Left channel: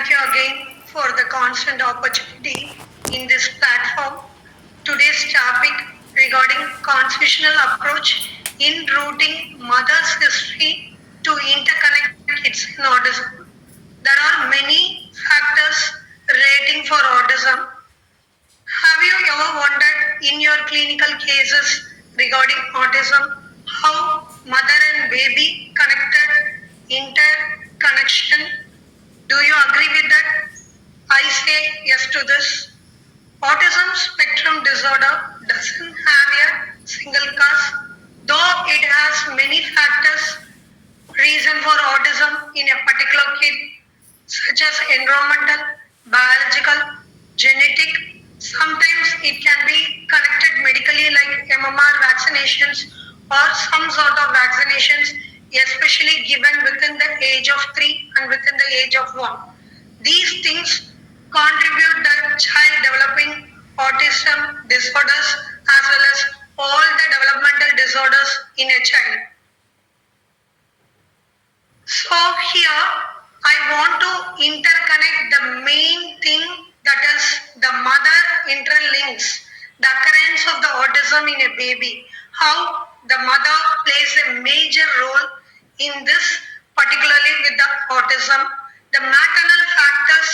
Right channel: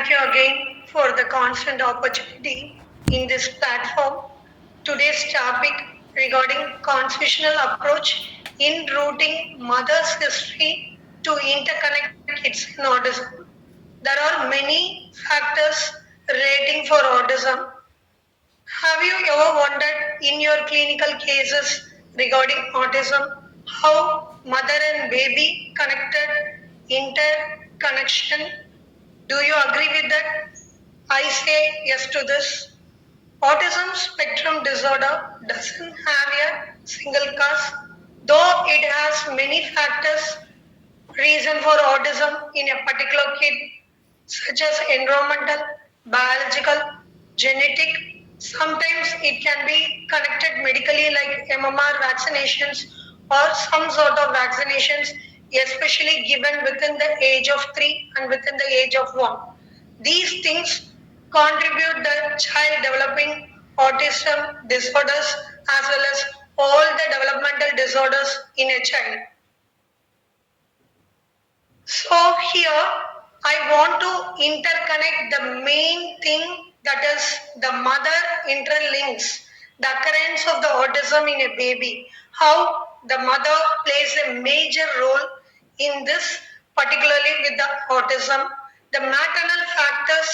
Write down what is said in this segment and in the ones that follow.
Thank you again for the constant opportunity in this platform. Today's topic regarding constitutional approach in rooting mother's history to interconnect kids in autism. There are many factors relating for autism. Have you ever wondered in your clinical cases regarding autism how mother and baby connected interconnection? Do you agree with that? I say yes to this. Autism spectrum disorder doesn't have a single cause, though it has many factors reason for autism in a particular kid, such as environmental, biological, genetic. Sometimes it can be connected medically like MMR vaccinations or some sort of vaccinations, especially given within the age of 3 and within the age of 1. These things contribute the child developing autism disorders as well as all the developmental disorders in a child. So here I want to interconnect the main thing, that is the mother interlinks the occurrence of the autism in a baby. How the mother plays a major role in this, particularly with the autism. The maternal factors,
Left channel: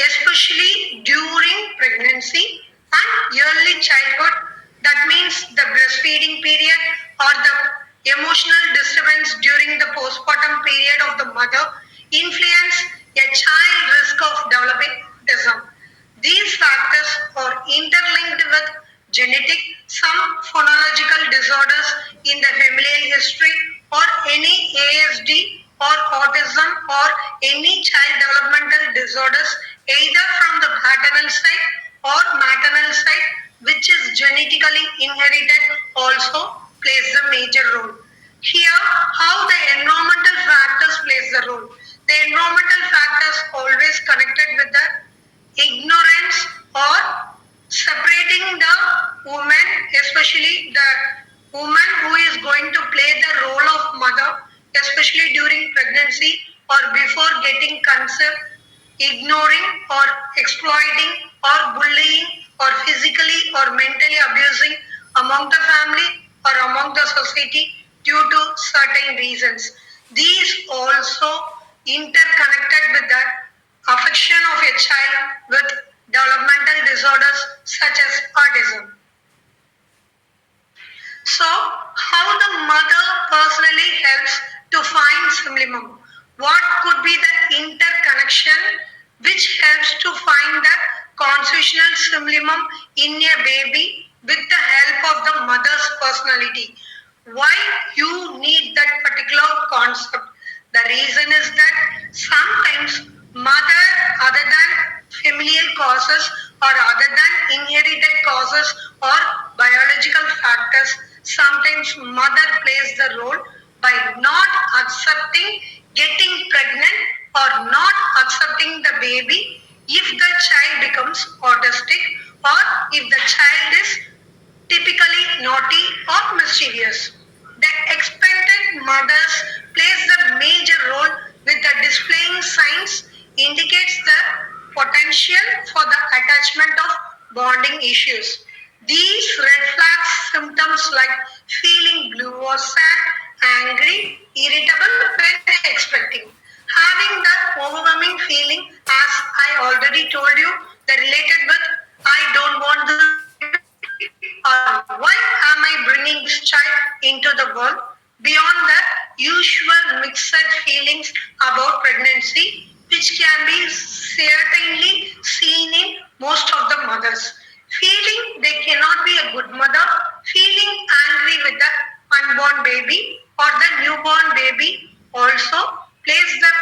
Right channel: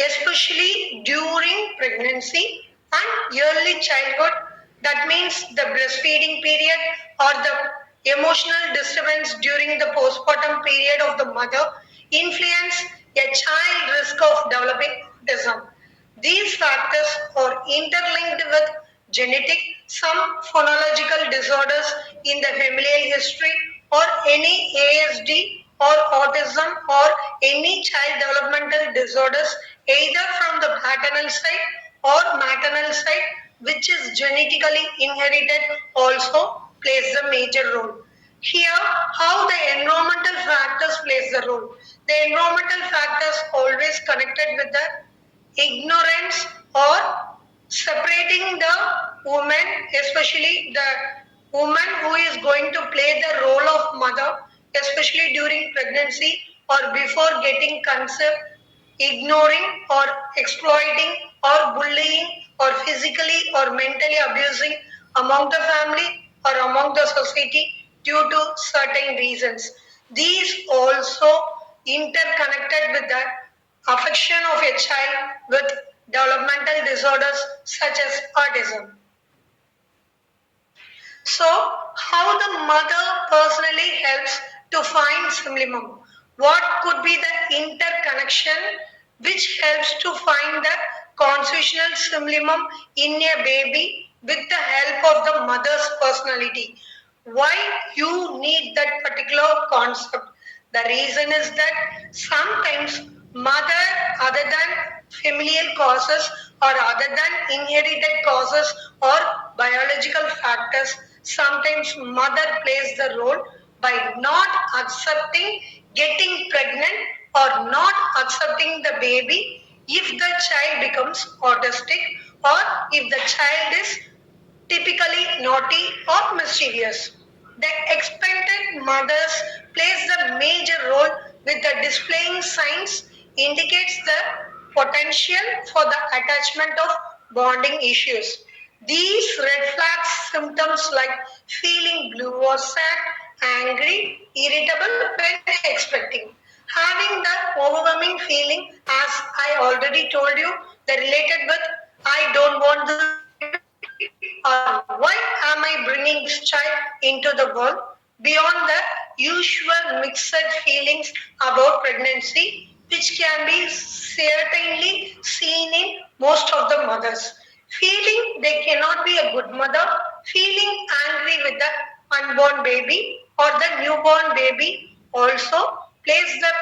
especially during pregnancy and early childhood, that means the breastfeeding period or the emotional disturbance during the postpartum period of the mother, influence a child risk of developing autism. These factors are interlinked with genetic, some phonological disorders in the familial history, or any ASD or autism or any child developmental disorders either from the paternal side or maternal side, which is genetically inherited, also plays a major role. Here, how the environmental factors plays the role. The environmental factors always connected with the ignorance or separating the woman, especially the woman who is going to play the role of mother, especially during pregnancy or before getting conceived, ignoring or exploiting or bullying or physically or mentally abusing among the family or among the society due to certain reasons. These also interconnected with the affection of a child with developmental disorders such as autism. So, how the mother personally helps to find simlimum? What could be the interconnection which helps to find the constitutional simlimum in a baby with the help of the mother's personality? Why you need that particular concept? The reason is that sometimes mother, other than familial causes or other than inherited causes or biological factors, sometimes mother plays the role by not accepting getting pregnant or not accepting the baby if the child becomes autistic or if the child is typically naughty or mischievous. The expected mothers plays the major role with the displaying signs indicates the potential for the attachment of bonding issues. These red flags symptoms like feeling blue or sad, angry, irritable when expecting, having the overwhelming feeling as I already told you, the related with I don't want this why am I bringing this child into the world? Beyond the usual mixed feelings about pregnancy, which can be certainly seen in most of the mothers. Feeling they cannot be a good mother, feeling angry with the unborn baby or the newborn baby also plays the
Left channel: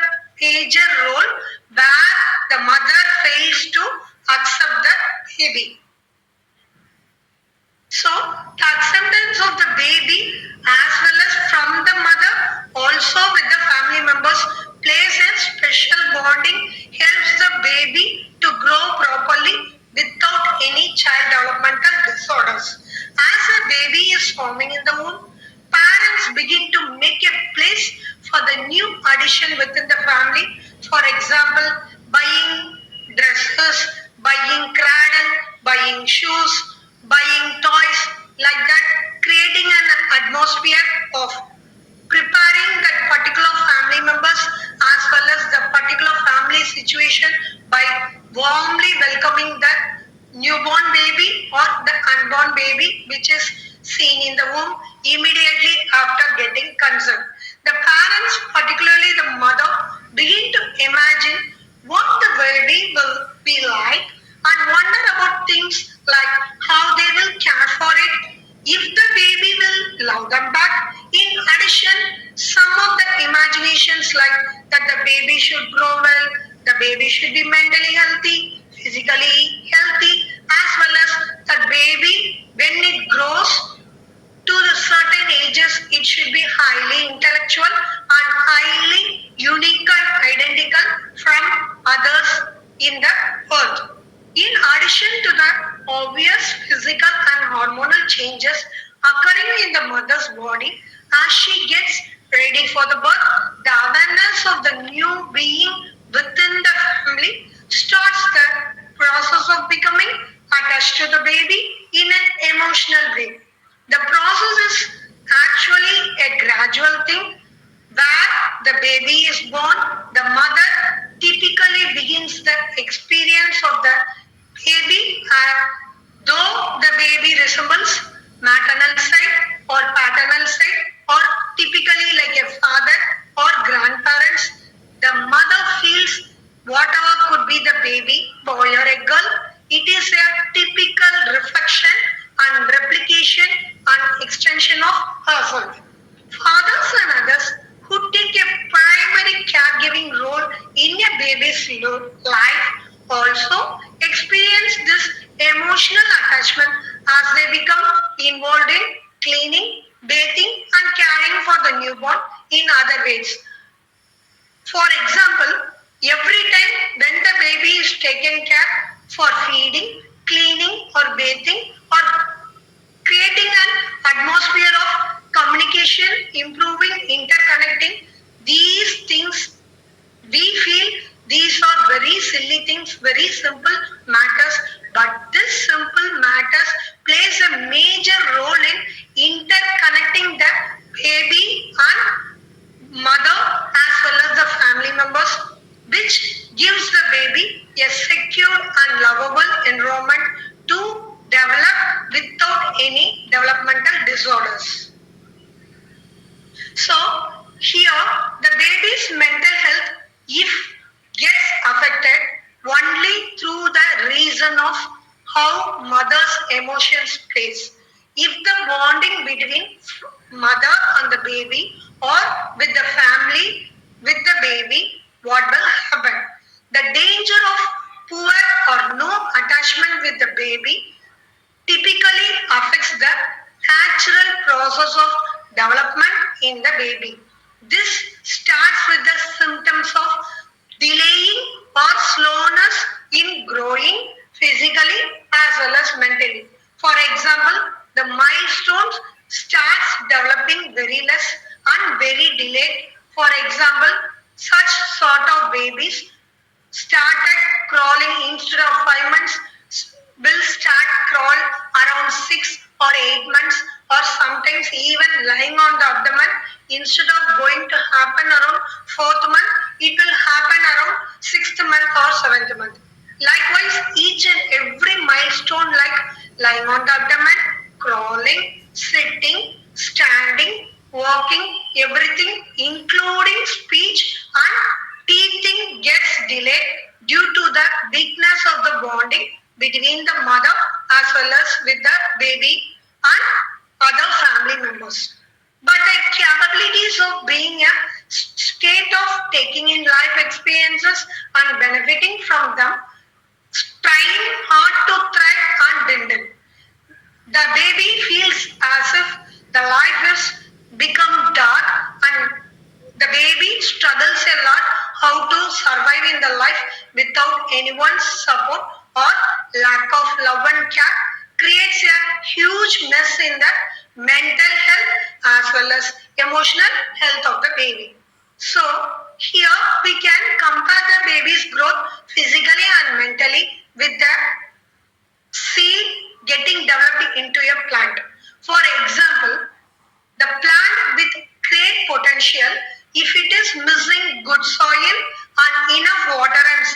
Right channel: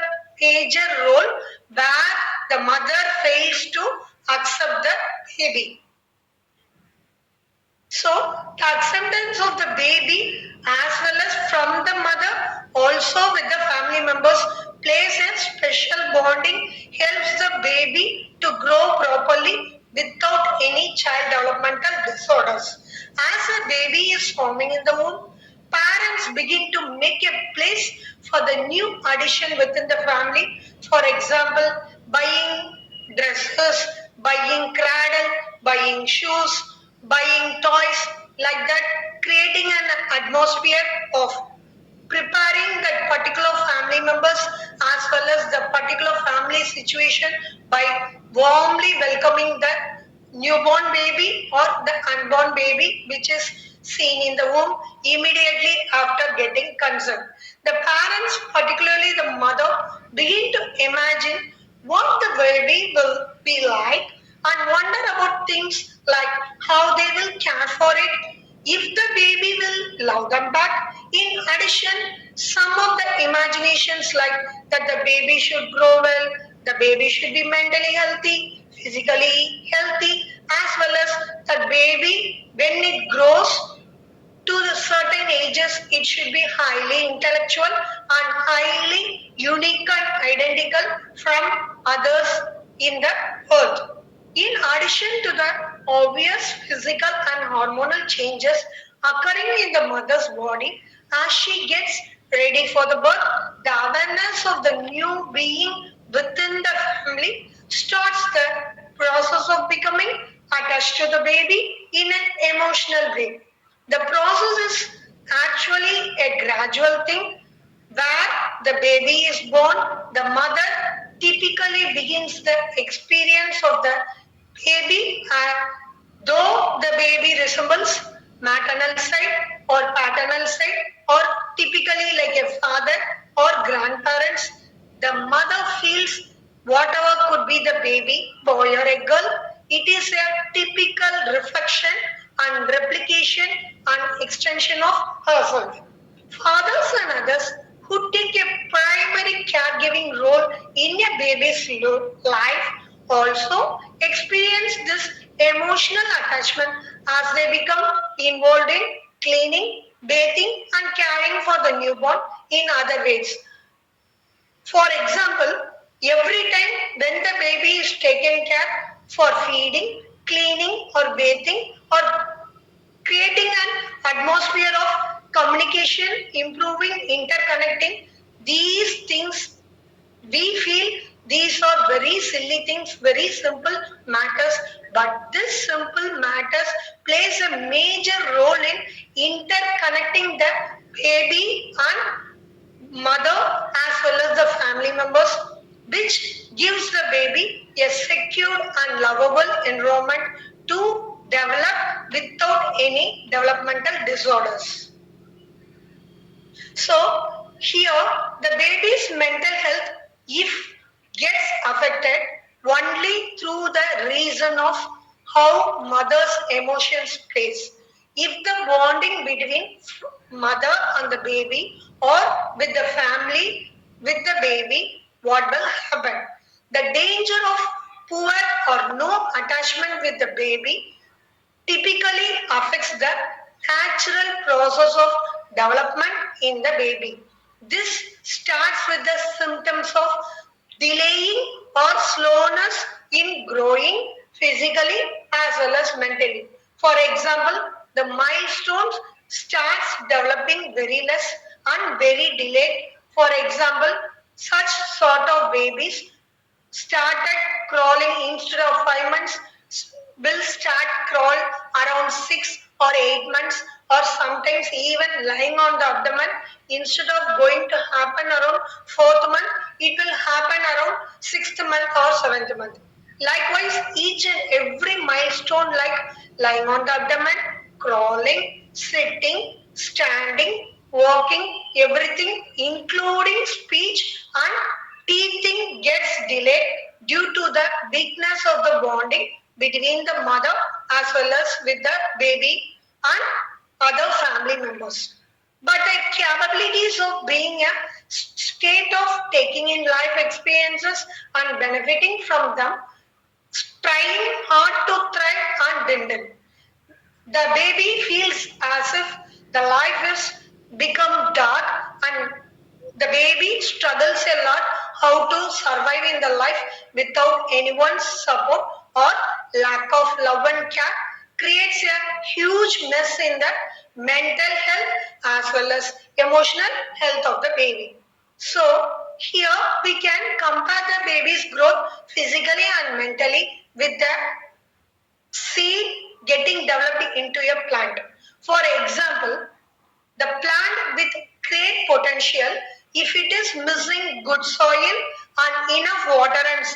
major role where the mother fails to accept the baby. So, the acceptance of the baby as well as from the mother, also with the family members, plays a special bonding, helps the baby to grow properly without any child developmental disorders. As a baby is forming in the womb, parents begin to make a place for the new addition within the family. For example, situation by warmly welcoming the newborn baby or the unborn baby which is seen in the womb immediately after getting consent. The parents, particularly the mother, begin to imagine what the baby will be like and wonder about things like how they will care for it, if the baby will love them back. In addition, some of the imaginations like that the baby should grow well, the baby should be mentally healthy, physically healthy, as well as the baby when it grows to the certain ages, it should be highly intellectual and highly unique and identical from others in the earth. In addition to the obvious physical and hormonal changes occurring in the mother's body as she gets ready for the birth, the awareness of the new being within the family starts the process of becoming attached to the baby in an emotional way. The process is actually a gradual thing where the baby is born, the mother typically begins the experience of the baby, though the baby resembles maternal side or paternal side or typically like a father or grandparents, the mother feels whatever could be the baby, boy or a girl, it is a typical reflection and replication and extension of herself. Fathers and others who take a primary caregiving role in a baby's life also experience this emotional attachment as they become involved in cleaning, bathing, and caring for the newborn in other ways. For example, every time when the baby is taken care for feeding, cleaning, or bathing, or creating an atmosphere of communication, improving, interconnecting, these things we feel these are very silly things, very simple matters, but this simple matters plays a major role in interconnecting the baby and mother as well as the family members, which gives the baby a secure and lovable environment to develop without any developmental disorders. So here the baby's mental health if gets affected only through the reason of how mother's emotions plays. If the bonding between mother and the baby or with the family with the baby, what will happen? The danger of poor or no attachment with the baby typically affects the natural process of development in the baby. This starts with the symptoms of delaying or slowness in growing physically as well as mentally. For example, the milestones starts developing very less and very delayed. For example, such sort of babies started crawling instead of 5 months will start crawl around 6 or 8 months or sometimes even lying on the abdomen instead of going to happen around fourth month it will happen around sixth month or seventh month. Likewise, each and every milestone like lying on the abdomen, crawling, sitting, standing, walking, everything including speech and teething gets delayed due to the weakness of the bonding between the mother as well as with the baby and other family members. But the capabilities of being a state of taking in life experiences and benefiting from them, trying hard to thrive and dwindle. The baby feels as if the life is become dark and the baby struggles a lot how to survive in the life without anyone's support or lack of love and care creates a huge mess in the mental health as well as emotional health of the baby. So here we can compare the baby's growth physically and mentally with the seed getting developed into a plant. For example, the plant with great potential, if it is missing good soil and enough water and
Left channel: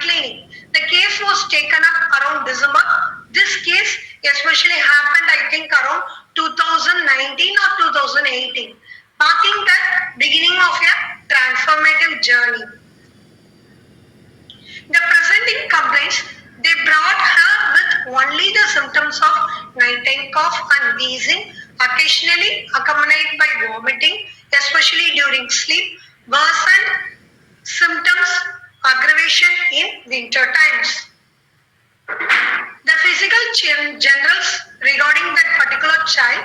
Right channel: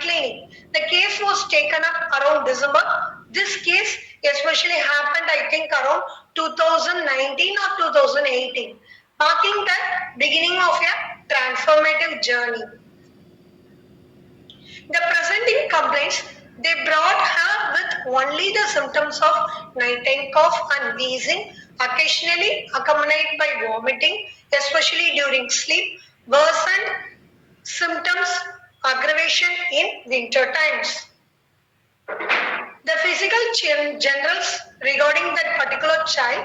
clinic. The case was taken up around December. This case especially happened, I think, around 2019 or 2018, marking the beginning of a transformative journey. The presenting complaints, they brought her with only the symptoms of nighttime cough and wheezing, occasionally accompanied by vomiting, especially during sleep, worsened symptoms, aggravation in winter times. The physical generals regarding that particular child,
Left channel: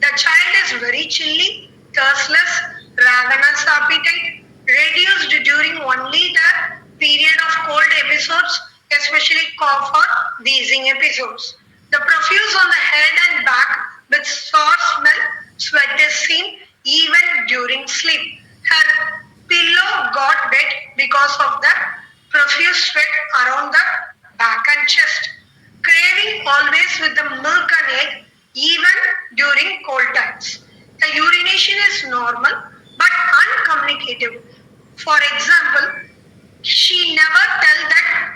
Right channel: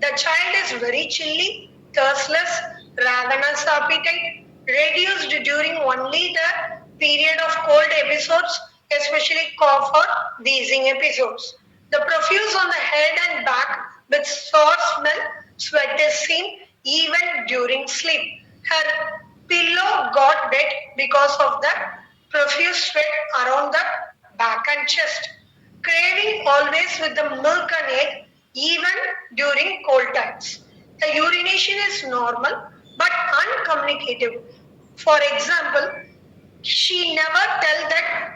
the child is very chilly, thirstless, ravenous appetite, reduced during only the period of cold episodes, especially cough or wheezing episodes. The profuse on the head and back with sore smell, sweat is seen even during sleep. Her pillow got wet because of the profuse sweat around the back and chest. Craving always with the milk and egg even during cold times. The urination is normal but uncommunicative. For example, she never tell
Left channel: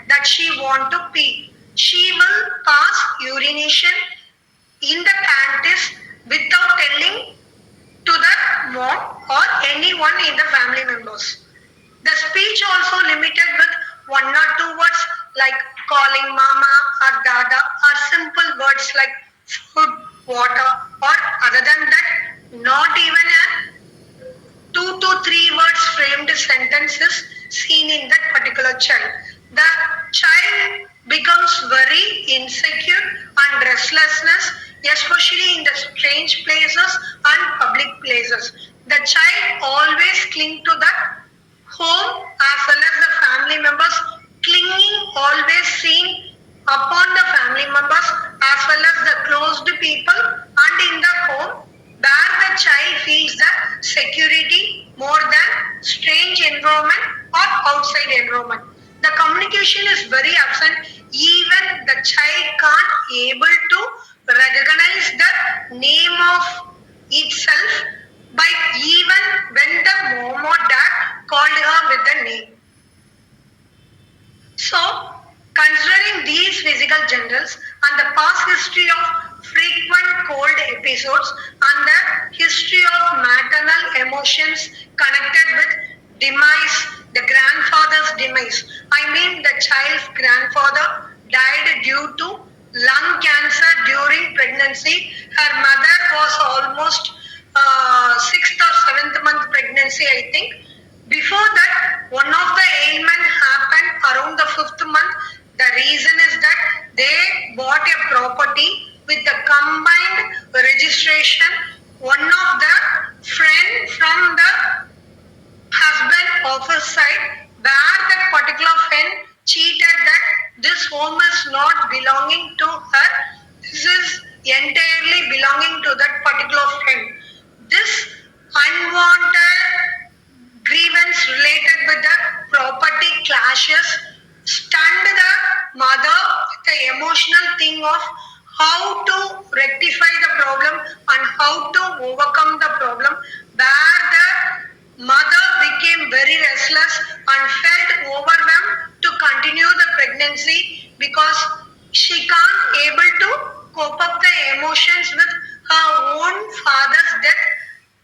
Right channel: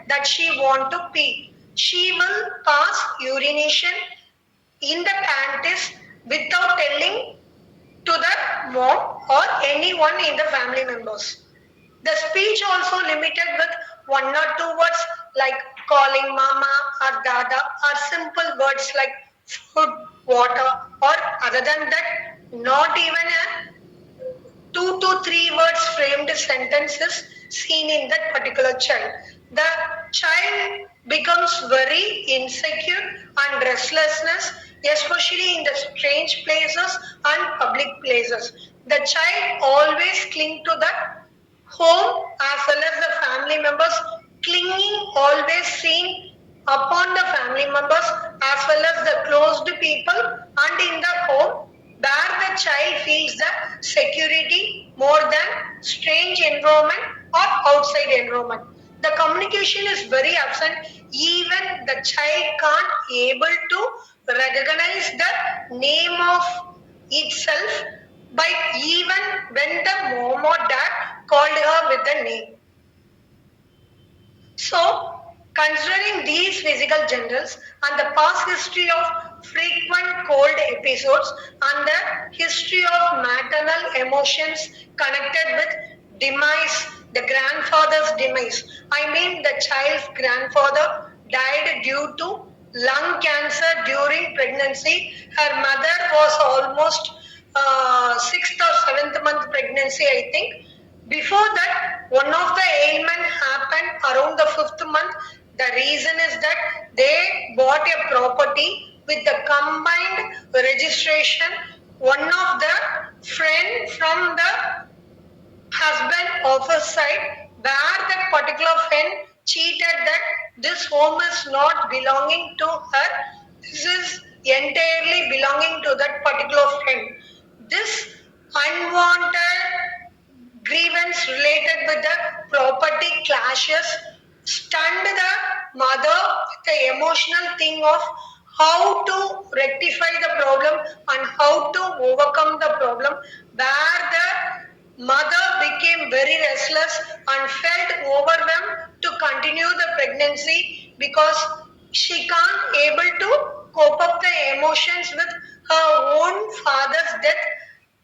that she want to pee. She will pass urination in the panties without telling to the mom or anyone in the family members. The speech also limited with one or two words like calling mama or dada or simple words like food, water, or other than that, not even a 2 to 3 words framed sentences seen in that particular child. The child becomes very insecure and restlessness, especially in the strange places and public places. The child always cling to the home as well as the family members, clinging always seen upon the family members as well as the closed people, and in the home where the child feels the security more than strange environment or outside environment. The communication is very absent. Even the child can't able to recognize the name of itself by even when the mom or dad called her with the name. So, considering these physical generals and the past history of frequent cold episodes and the history of maternal emotions connected with demise, the grandfather's demise. I mean, the child's grandfather died due to lung cancer during pregnancy. Her mother was almost sixth or seventh month pregnancy, I think. Before that, one of the ailment happened around the fifth month. The reason is that they bought a property with the combined registration. One of the friend from the husband office side, where that particular friend cheated that this home is not belonging to her. This is entirely belonging to that particular friend. This unwanted grievance related with the property clashes stunned the mother with the emotional thing of how to rectify the problem and how to overcome the problem, where the mother became very restless and felt overwhelmed to continue the pregnancy because she can't able to cope up the emotions with her own father's death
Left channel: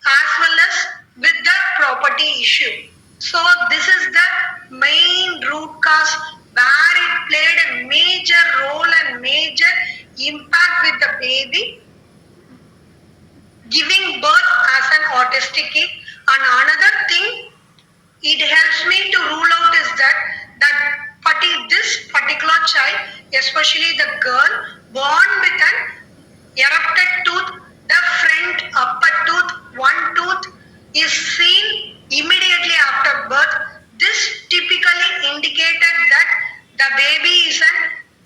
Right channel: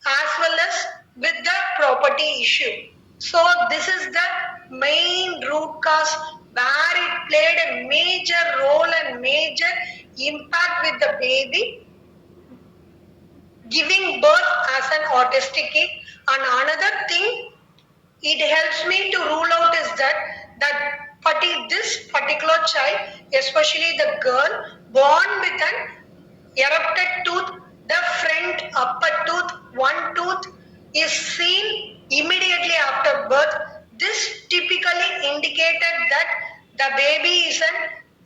as well as with the property issue. So this is the main root cause where it played a major role and major impact with the baby giving birth as an autistic kid. And another thing it helps me to rule out is this particular child, especially the girl born with an erupted tooth, the front upper tooth, one tooth is seen immediately after birth. This typically indicated that the baby is an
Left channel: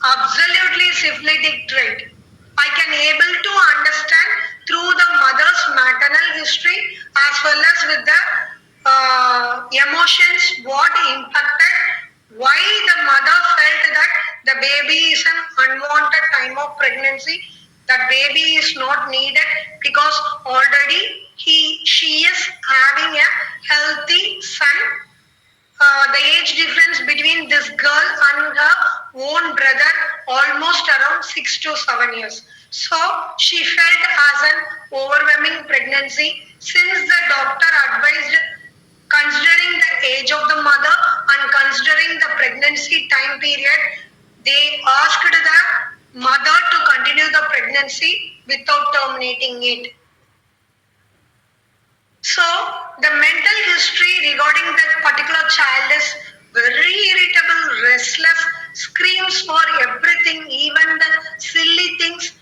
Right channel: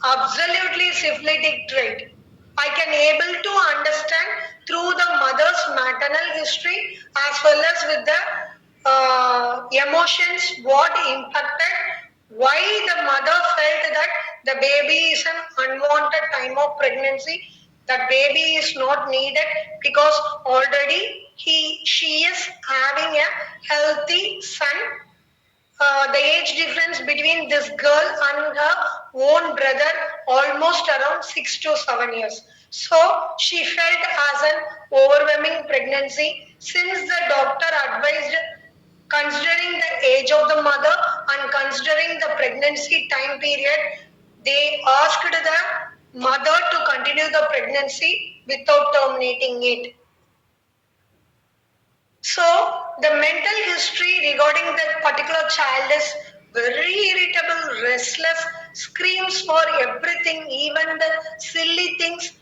absolutely syphilitic trait. I can able to understand through the mother's maternal history as well as with the emotions what impacted, why the mother felt that the baby is an unwanted time of pregnancy, that baby is not needed because already she is having a healthy son the age difference between this girl and her own brother almost around 6 to 7 years. So she felt as an overwhelming pregnancy since the doctor advised, considering the age of the mother and considering the pregnancy time period, they asked the mother to continue the pregnancy without terminating it. So the mental history regarding that particular child is very irritable, restless, screams for everything, even the silly things.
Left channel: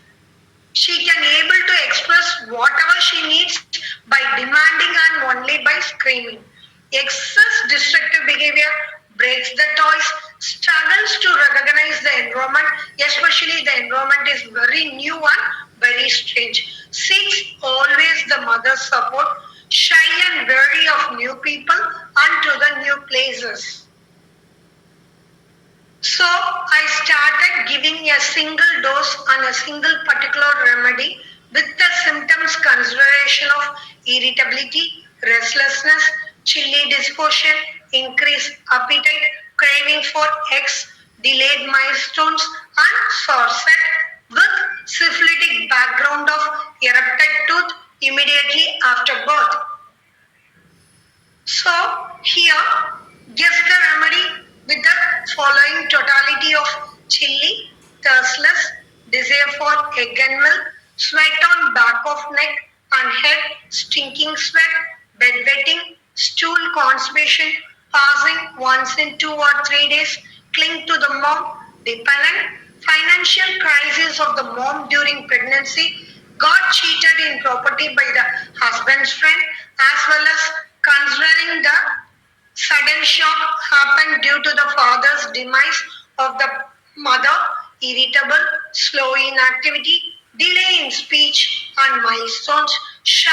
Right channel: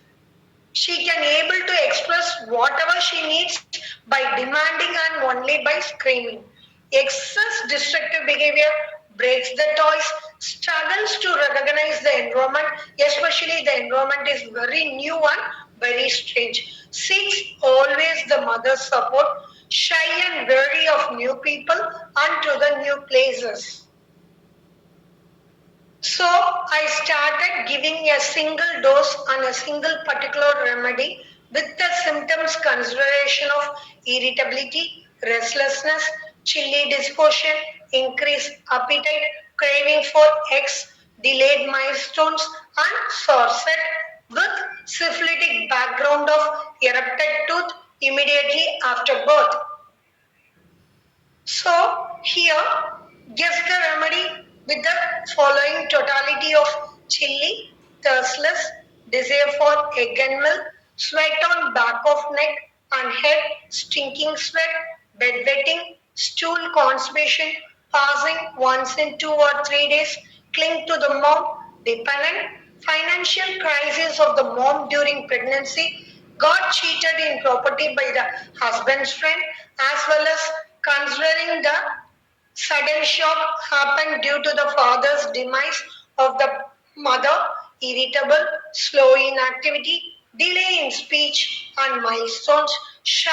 She can able to express whatever she needs by demanding and only by screaming. Excess destructive behavior breaks the toys, struggles to recognize the environment, especially the environment is very new and very strange. Seeks always the mother's support, shy and wary of new people and to the new places. So I started giving a single dose on a single particular remedy with the symptoms consideration of irritability, restlessness, chilly disposition, increased appetite, craving for X, delayed milestones, and sorset with syphilitic background of erupted tooth immediately after birth. So here, guess the remedy with the following totality of chilly, thirstless, desire for egg and milk, sweat on back of neck and head, stinking sweat, bedwetting, stool constipation, passing once in 2 or 3 days, cling to the mom, dependent, financial crisis of the mom during pregnancy, got cheated in property by the husband's friend, as well as considering the sudden shock happened due to the father's demise of the mother, irritable, slow in activity, delay in speech and milestones, shy,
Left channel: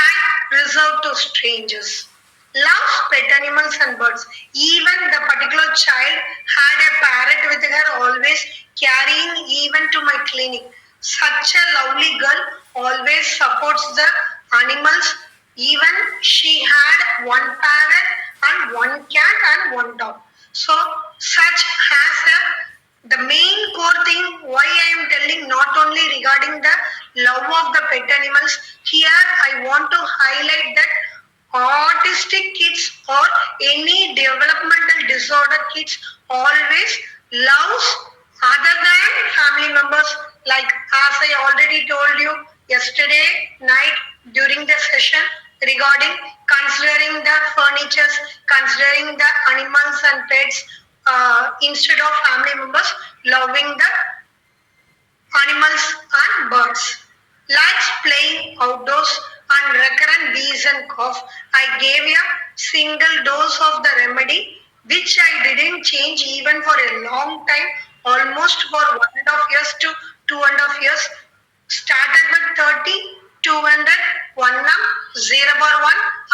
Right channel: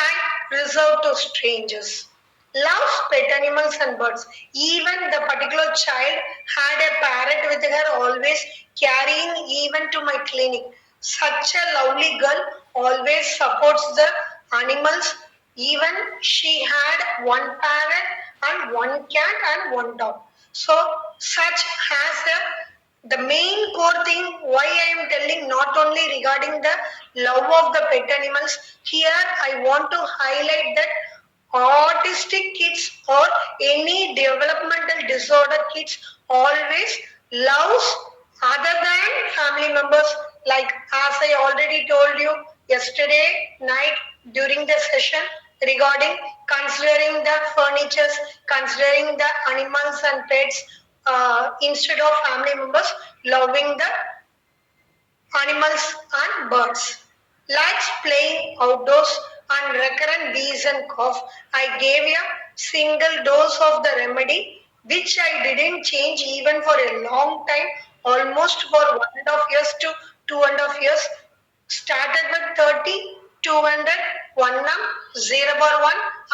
reserved to strangers. Loves pet animals and birds. Even the particular child had a parrot with her always carrying even to my clinic. Such a lovely girl always supports the animals. Even she had one parrot and one cat and one dog. So such has the main core thing why I am telling not only regarding the love of the pet animals. Here I want to highlight that autistic kids or any developmental disorder kids always loves other than family members, like as I already told you yesterday night during the session regarding considering the furnitures, considering the animals and pets instead of family members, loving the animals and birds. Likes playing outdoors and recurrent wheeze and cough. I gave a single dose of the remedy, which I didn't change even for a long time, almost for 1.5 years to 2.5 years. Started with 30, 200, 1 0 bar 1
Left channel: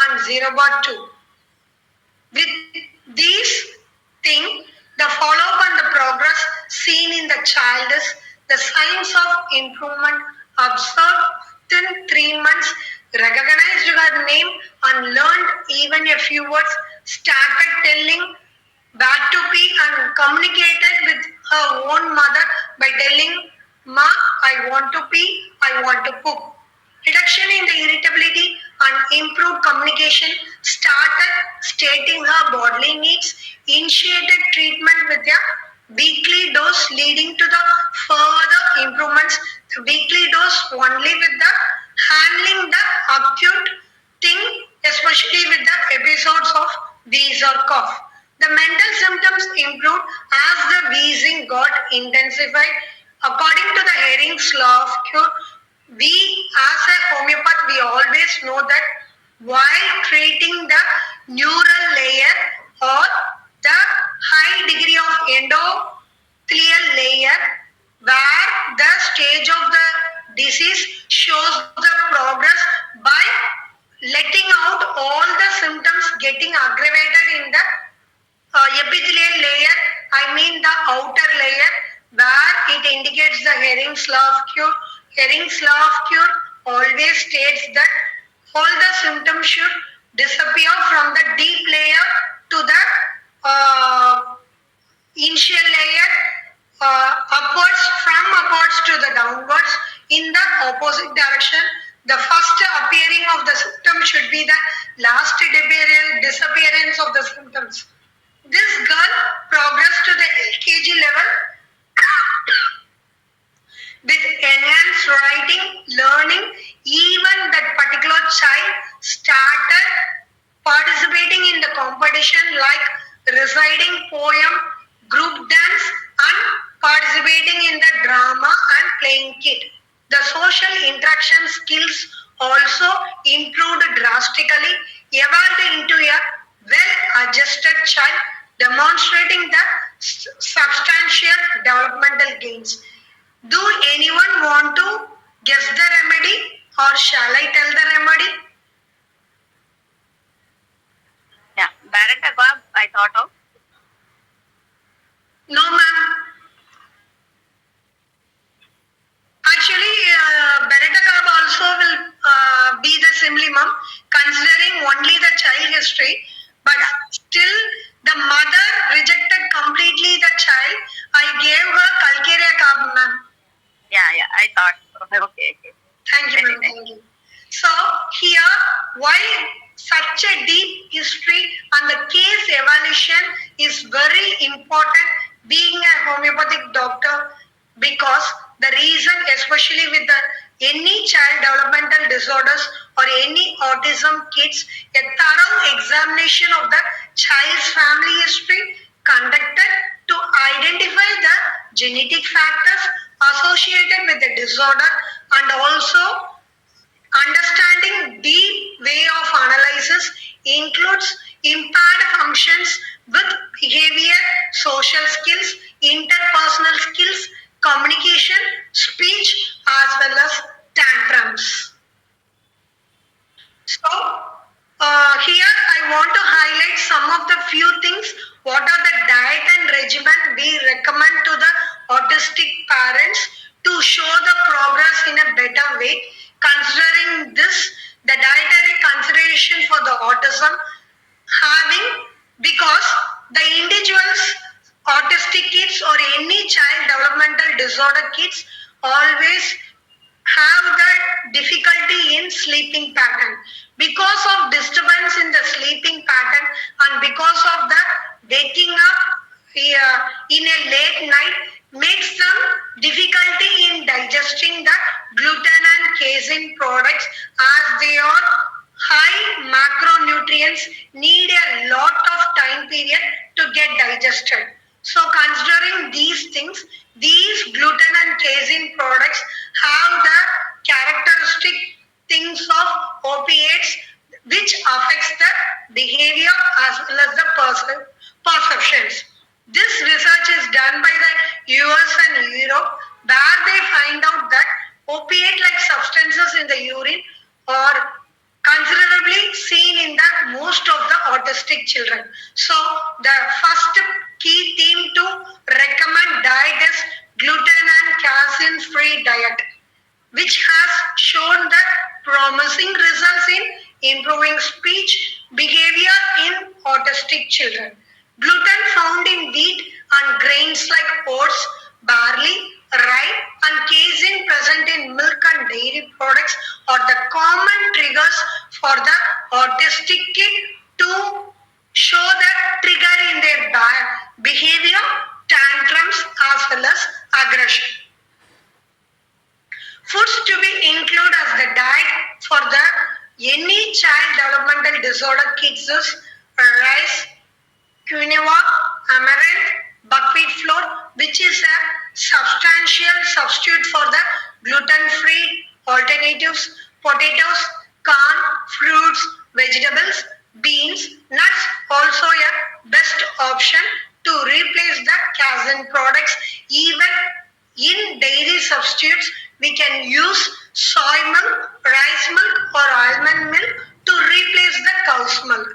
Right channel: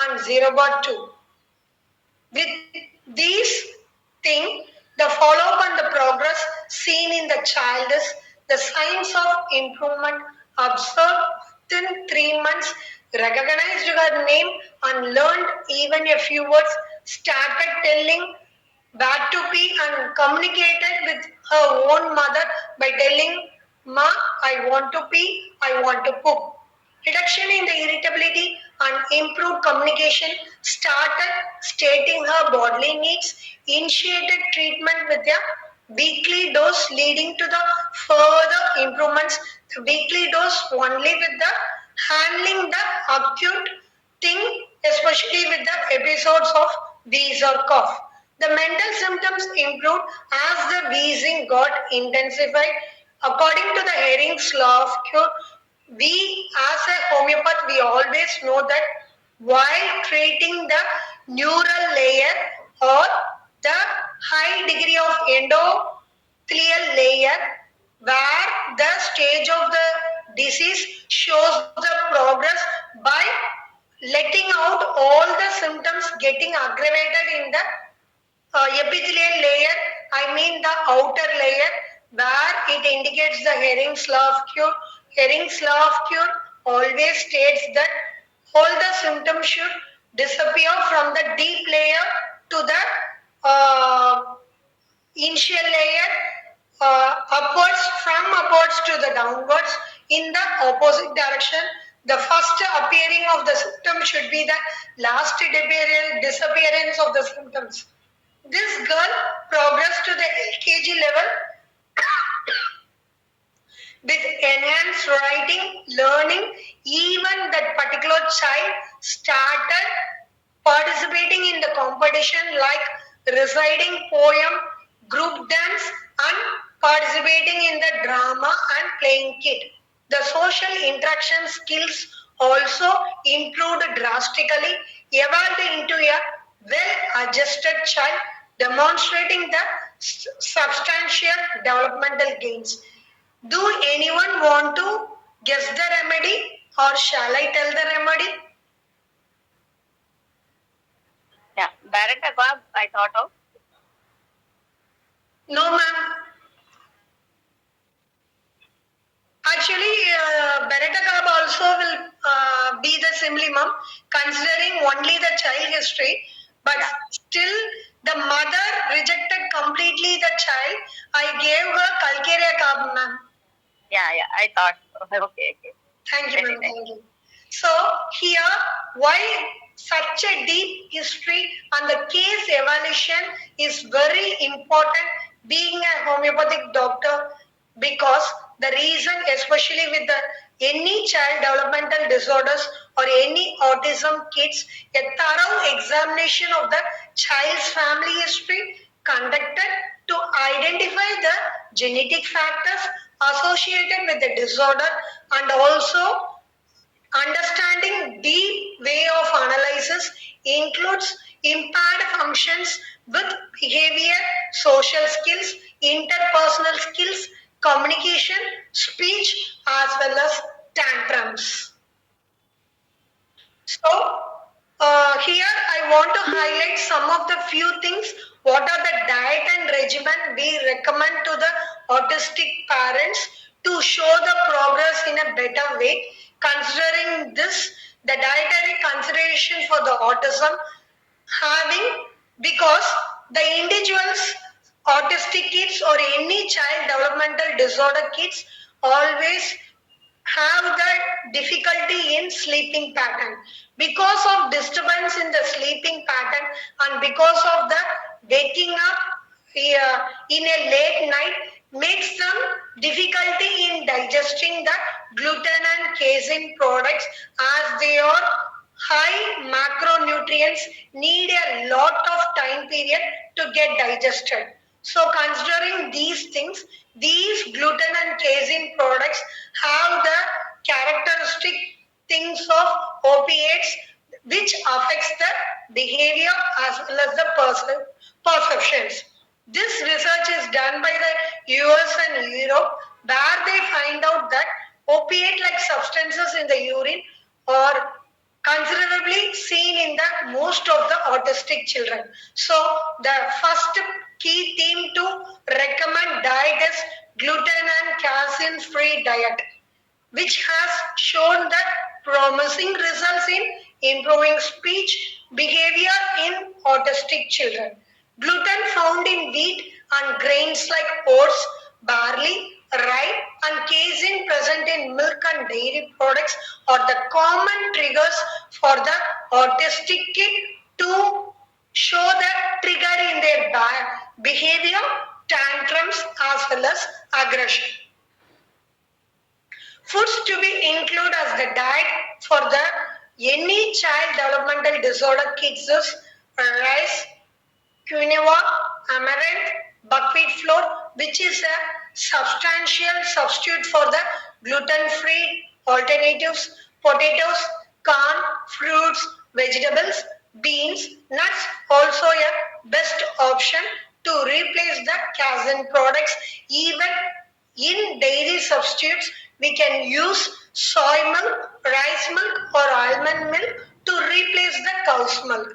and 0 bar 2. With these things, the follow-up and the progress seen in the child is the signs of improvement observed within 3 months, recognized her name and learned even a few words, started telling where to be and communicated with her own mother by telling, Ma, I want to pee, I want to poop. Reduction in the irritability and improved communication, started stating her bodily needs, initiated treatment with a weekly dose leading to the further improvements. The weekly dose only with the handling the acute thing, especially with the episodes of wheeze or cough. The mental symptoms improved as the wheezing got intensified. According to the Herring's law of cure, we as a homeopath, we always know that while treating the neural layer or the high degree of endothelial layer, where the stage of the disease shows the progress by letting out all the symptoms getting aggravated in the epithelial layer, I mean the outer layer, where it indicates the Herring's law of cure. Herring's law of cure always states that all the symptoms should disappear from the deep layer to the initial layer upwards to the downwards in the opposite direction. The first appearing of the symptom should be the last disappearance of the symptoms. This girl progressed to the LKG level with enhanced writing, learning. Even that particular child started participating in the competition like reciting poem, group dance and participating in the drama and playing kit. The social interaction skills also improved drastically, evolved into a well-adjusted child, demonstrating the substantial developmental gains. Do anyone want to guess the remedy or shall I tell the remedy? Yeah, Baratakab, I thought of. No, ma'am. Actually, Baratakab also will be the simile, ma'am, considering only the child history, but still the mother rejected completely the child. I gave her Calcarea Carb, ma'am. Yeah, I thought. Okay. Thank you, ma'am. Thank you. So here, why such a deep history and the case evaluation is very important being a homeopathic doctor, because the reason, especially with the any child developmental disorders or any autism kids, a thorough examination of the child's family history conducted to identify the genetic factors associated with the disorder, and also understanding deep way of analysis includes impaired functions with behavior, social skills, interpersonal skills, communication, speech, as well as tantrums. So, here I want to highlight some of the few things. What are the diet and regimen we recommend to the autistic parents to show the progress in a better way? Considering this, the dietary consideration for the autism having, because the individuals, autistic kids or any child developmental disorder kids always have the difficulty in sleeping pattern. Because of disturbance in the sleeping pattern and because of the waking up in a late night makes them difficulty in digesting the gluten and casein products, as they are high macronutrients, need a lot of time period to get digested. So considering these things, these gluten and casein products have the characteristic things of opiates which affects the behavior as well as the perceptions. This research is done by the US and Europe, where they find out that opiate-like substances in the urine are considerably seen in the most of the autistic children. So the first key theme to recommend diet is gluten and casein free diet, which has shown that promising results in improving speech behavior in autistic children. Gluten found in wheat and grains like oats, barley, rye and casein present in milk and dairy products are the common triggers for the autistic kid to show the trigger in their behavior, tantrums as well as aggression. Foods to be included as the diet for the any child developmental disorder kids is rice, quinoa, amaranth, buckwheat flour, which is a substantial substitute for the gluten-free alternatives, potatoes, corn, fruits, vegetables, beans, nuts, also a best option to replace the casein products. Even in dairy substitutes, we can use soy milk, rice milk or almond milk to replace the cow's milk.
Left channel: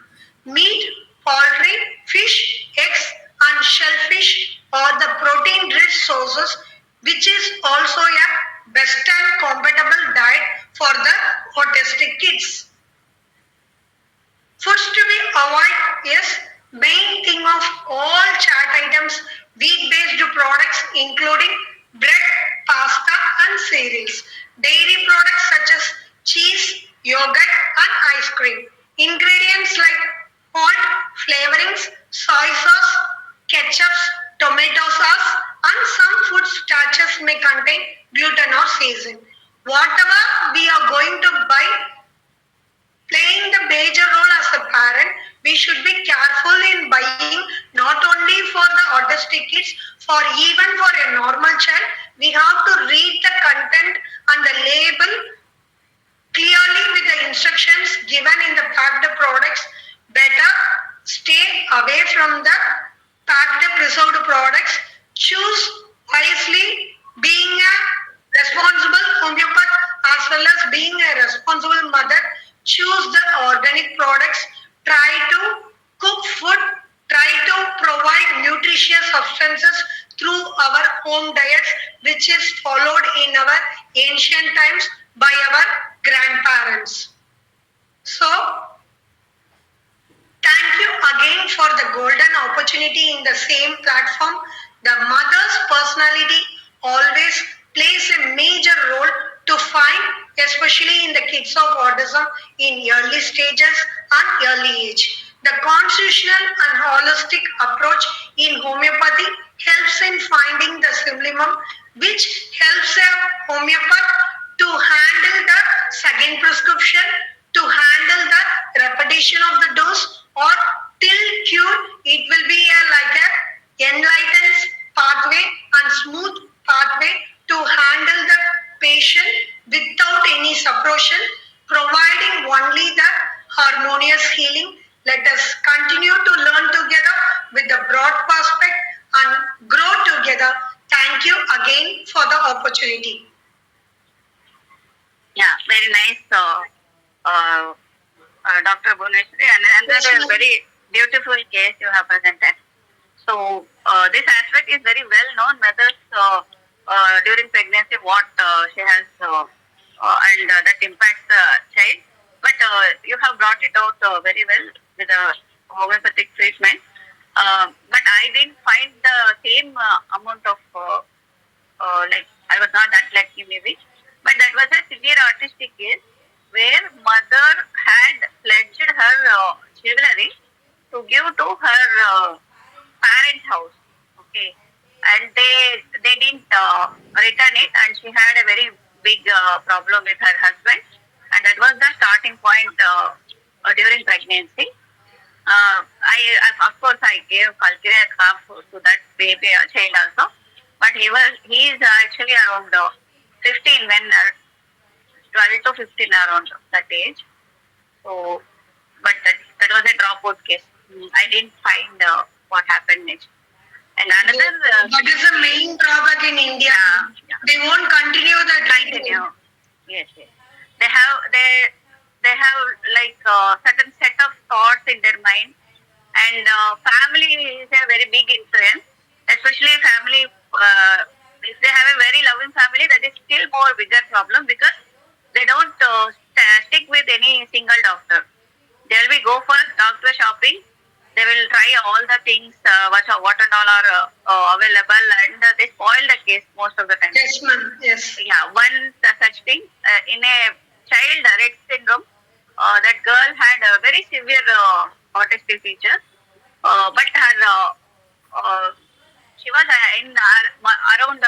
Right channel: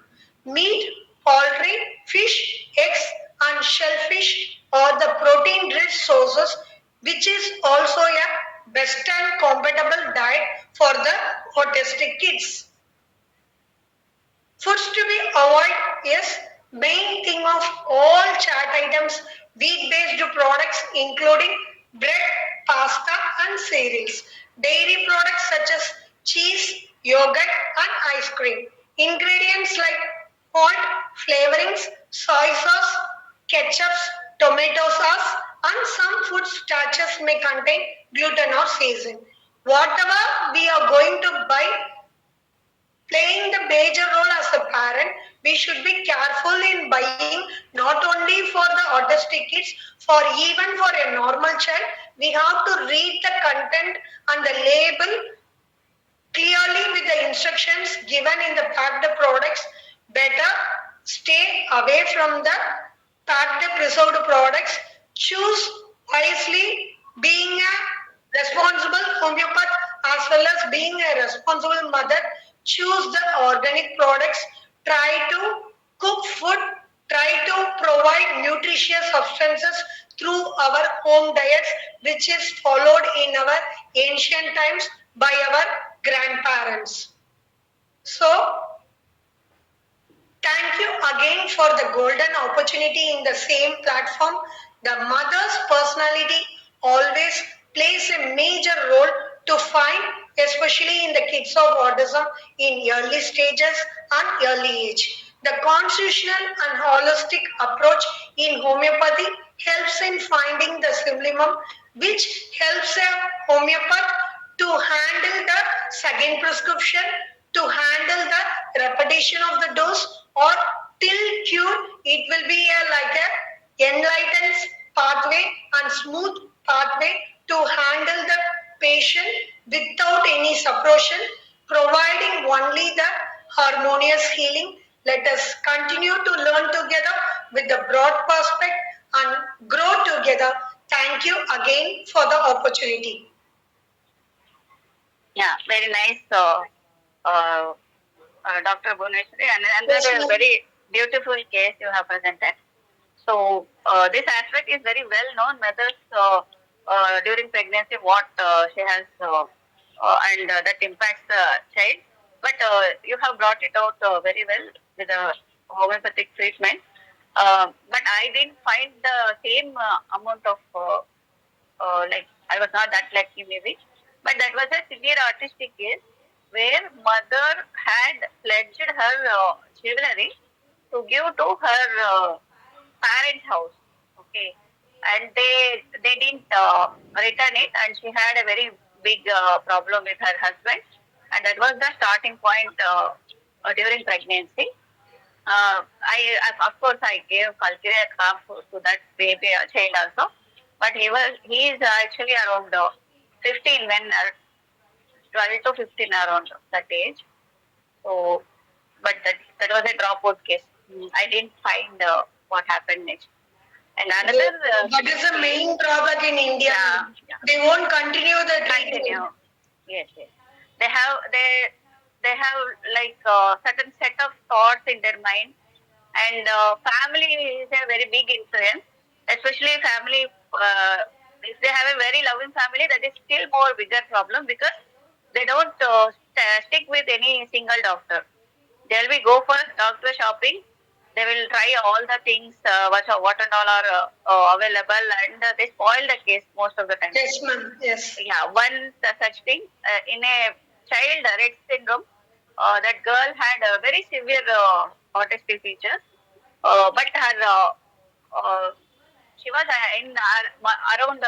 Meat, poultry, fish, eggs and shellfish are the protein-rich sources, which is also a best and compatible diet for the autistic kids. Foods to be avoided is Main thing of all chat items, wheat-based products including bread, pasta and cereals. Dairy products such as cheese, yogurt and ice cream. Ingredients like salt, flavorings, soy sauce, ketchups, tomato sauce and some food starches may contain gluten or season. Whatever we are going to buy playing the major role as a parent, we should be careful in buying not only for the autistic kids, for even for a normal child, we have to read the content and the label clearly with the instructions given in the packed products. Better stay away from the packed preserved products. Choose wisely, being a responsible homeopath as well as being a responsible mother. Choose the organic products. Try to cook food. Try to provide nutritious substances through our home diets, which is followed in our ancient times by our grandparents. So, thank you again for the golden opportunity in the same platform. The mother's personality always plays a major role to find, especially in the kids of autism in early stages and early age. The constitutional and holistic approach in homeopathy helps in finding the symptom, which helps a homeopath to handle the second prescription, to handle the repetition of the dose, or till cure. It will be like a enlightened pathway and smooth pathway to handle the patient without any suppression, providing only the harmonious healing. Let us continue to learn together with the broad perspective and grow together. Thank you again for the opportunity. Yeah, very nice, Dr. Bhuvaneshwari, and another very beautiful case you have presented. So this aspect is very well known methods during pregnancy, what she has and that impacts the child. But you have brought it out very well with the homeopathic treatment. But I didn't find the same amount of like I was not that lucky maybe. But that was a severe autistic case where mother had pledged her jewelry to give to her parents' house. Okay, and they didn't return it, and she had a very big problem with her husband, and that was the starting point during pregnancy. I of course I gave calculate half to that baby child also, but he is actually around 15 when 12 to 15 around that age. So, but that was a dropout case. I didn't find what happened next. And another. That is the main drawback in India. Yeah. They won't continue the treatment. Yes. They have like certain set of thoughts in their mind, and family is a very big influence, especially family. If they have a very loving family, that is still more bigger problem because they don't stick with any single doctor. They'll be go for doctor shopping. They will try all the things what and all are available, and they spoil the case most of the time. Yes, ma'am. Yes. Yeah, one such thing in a child Rett syndrome, that girl had a very severe autistic features, but her she was in around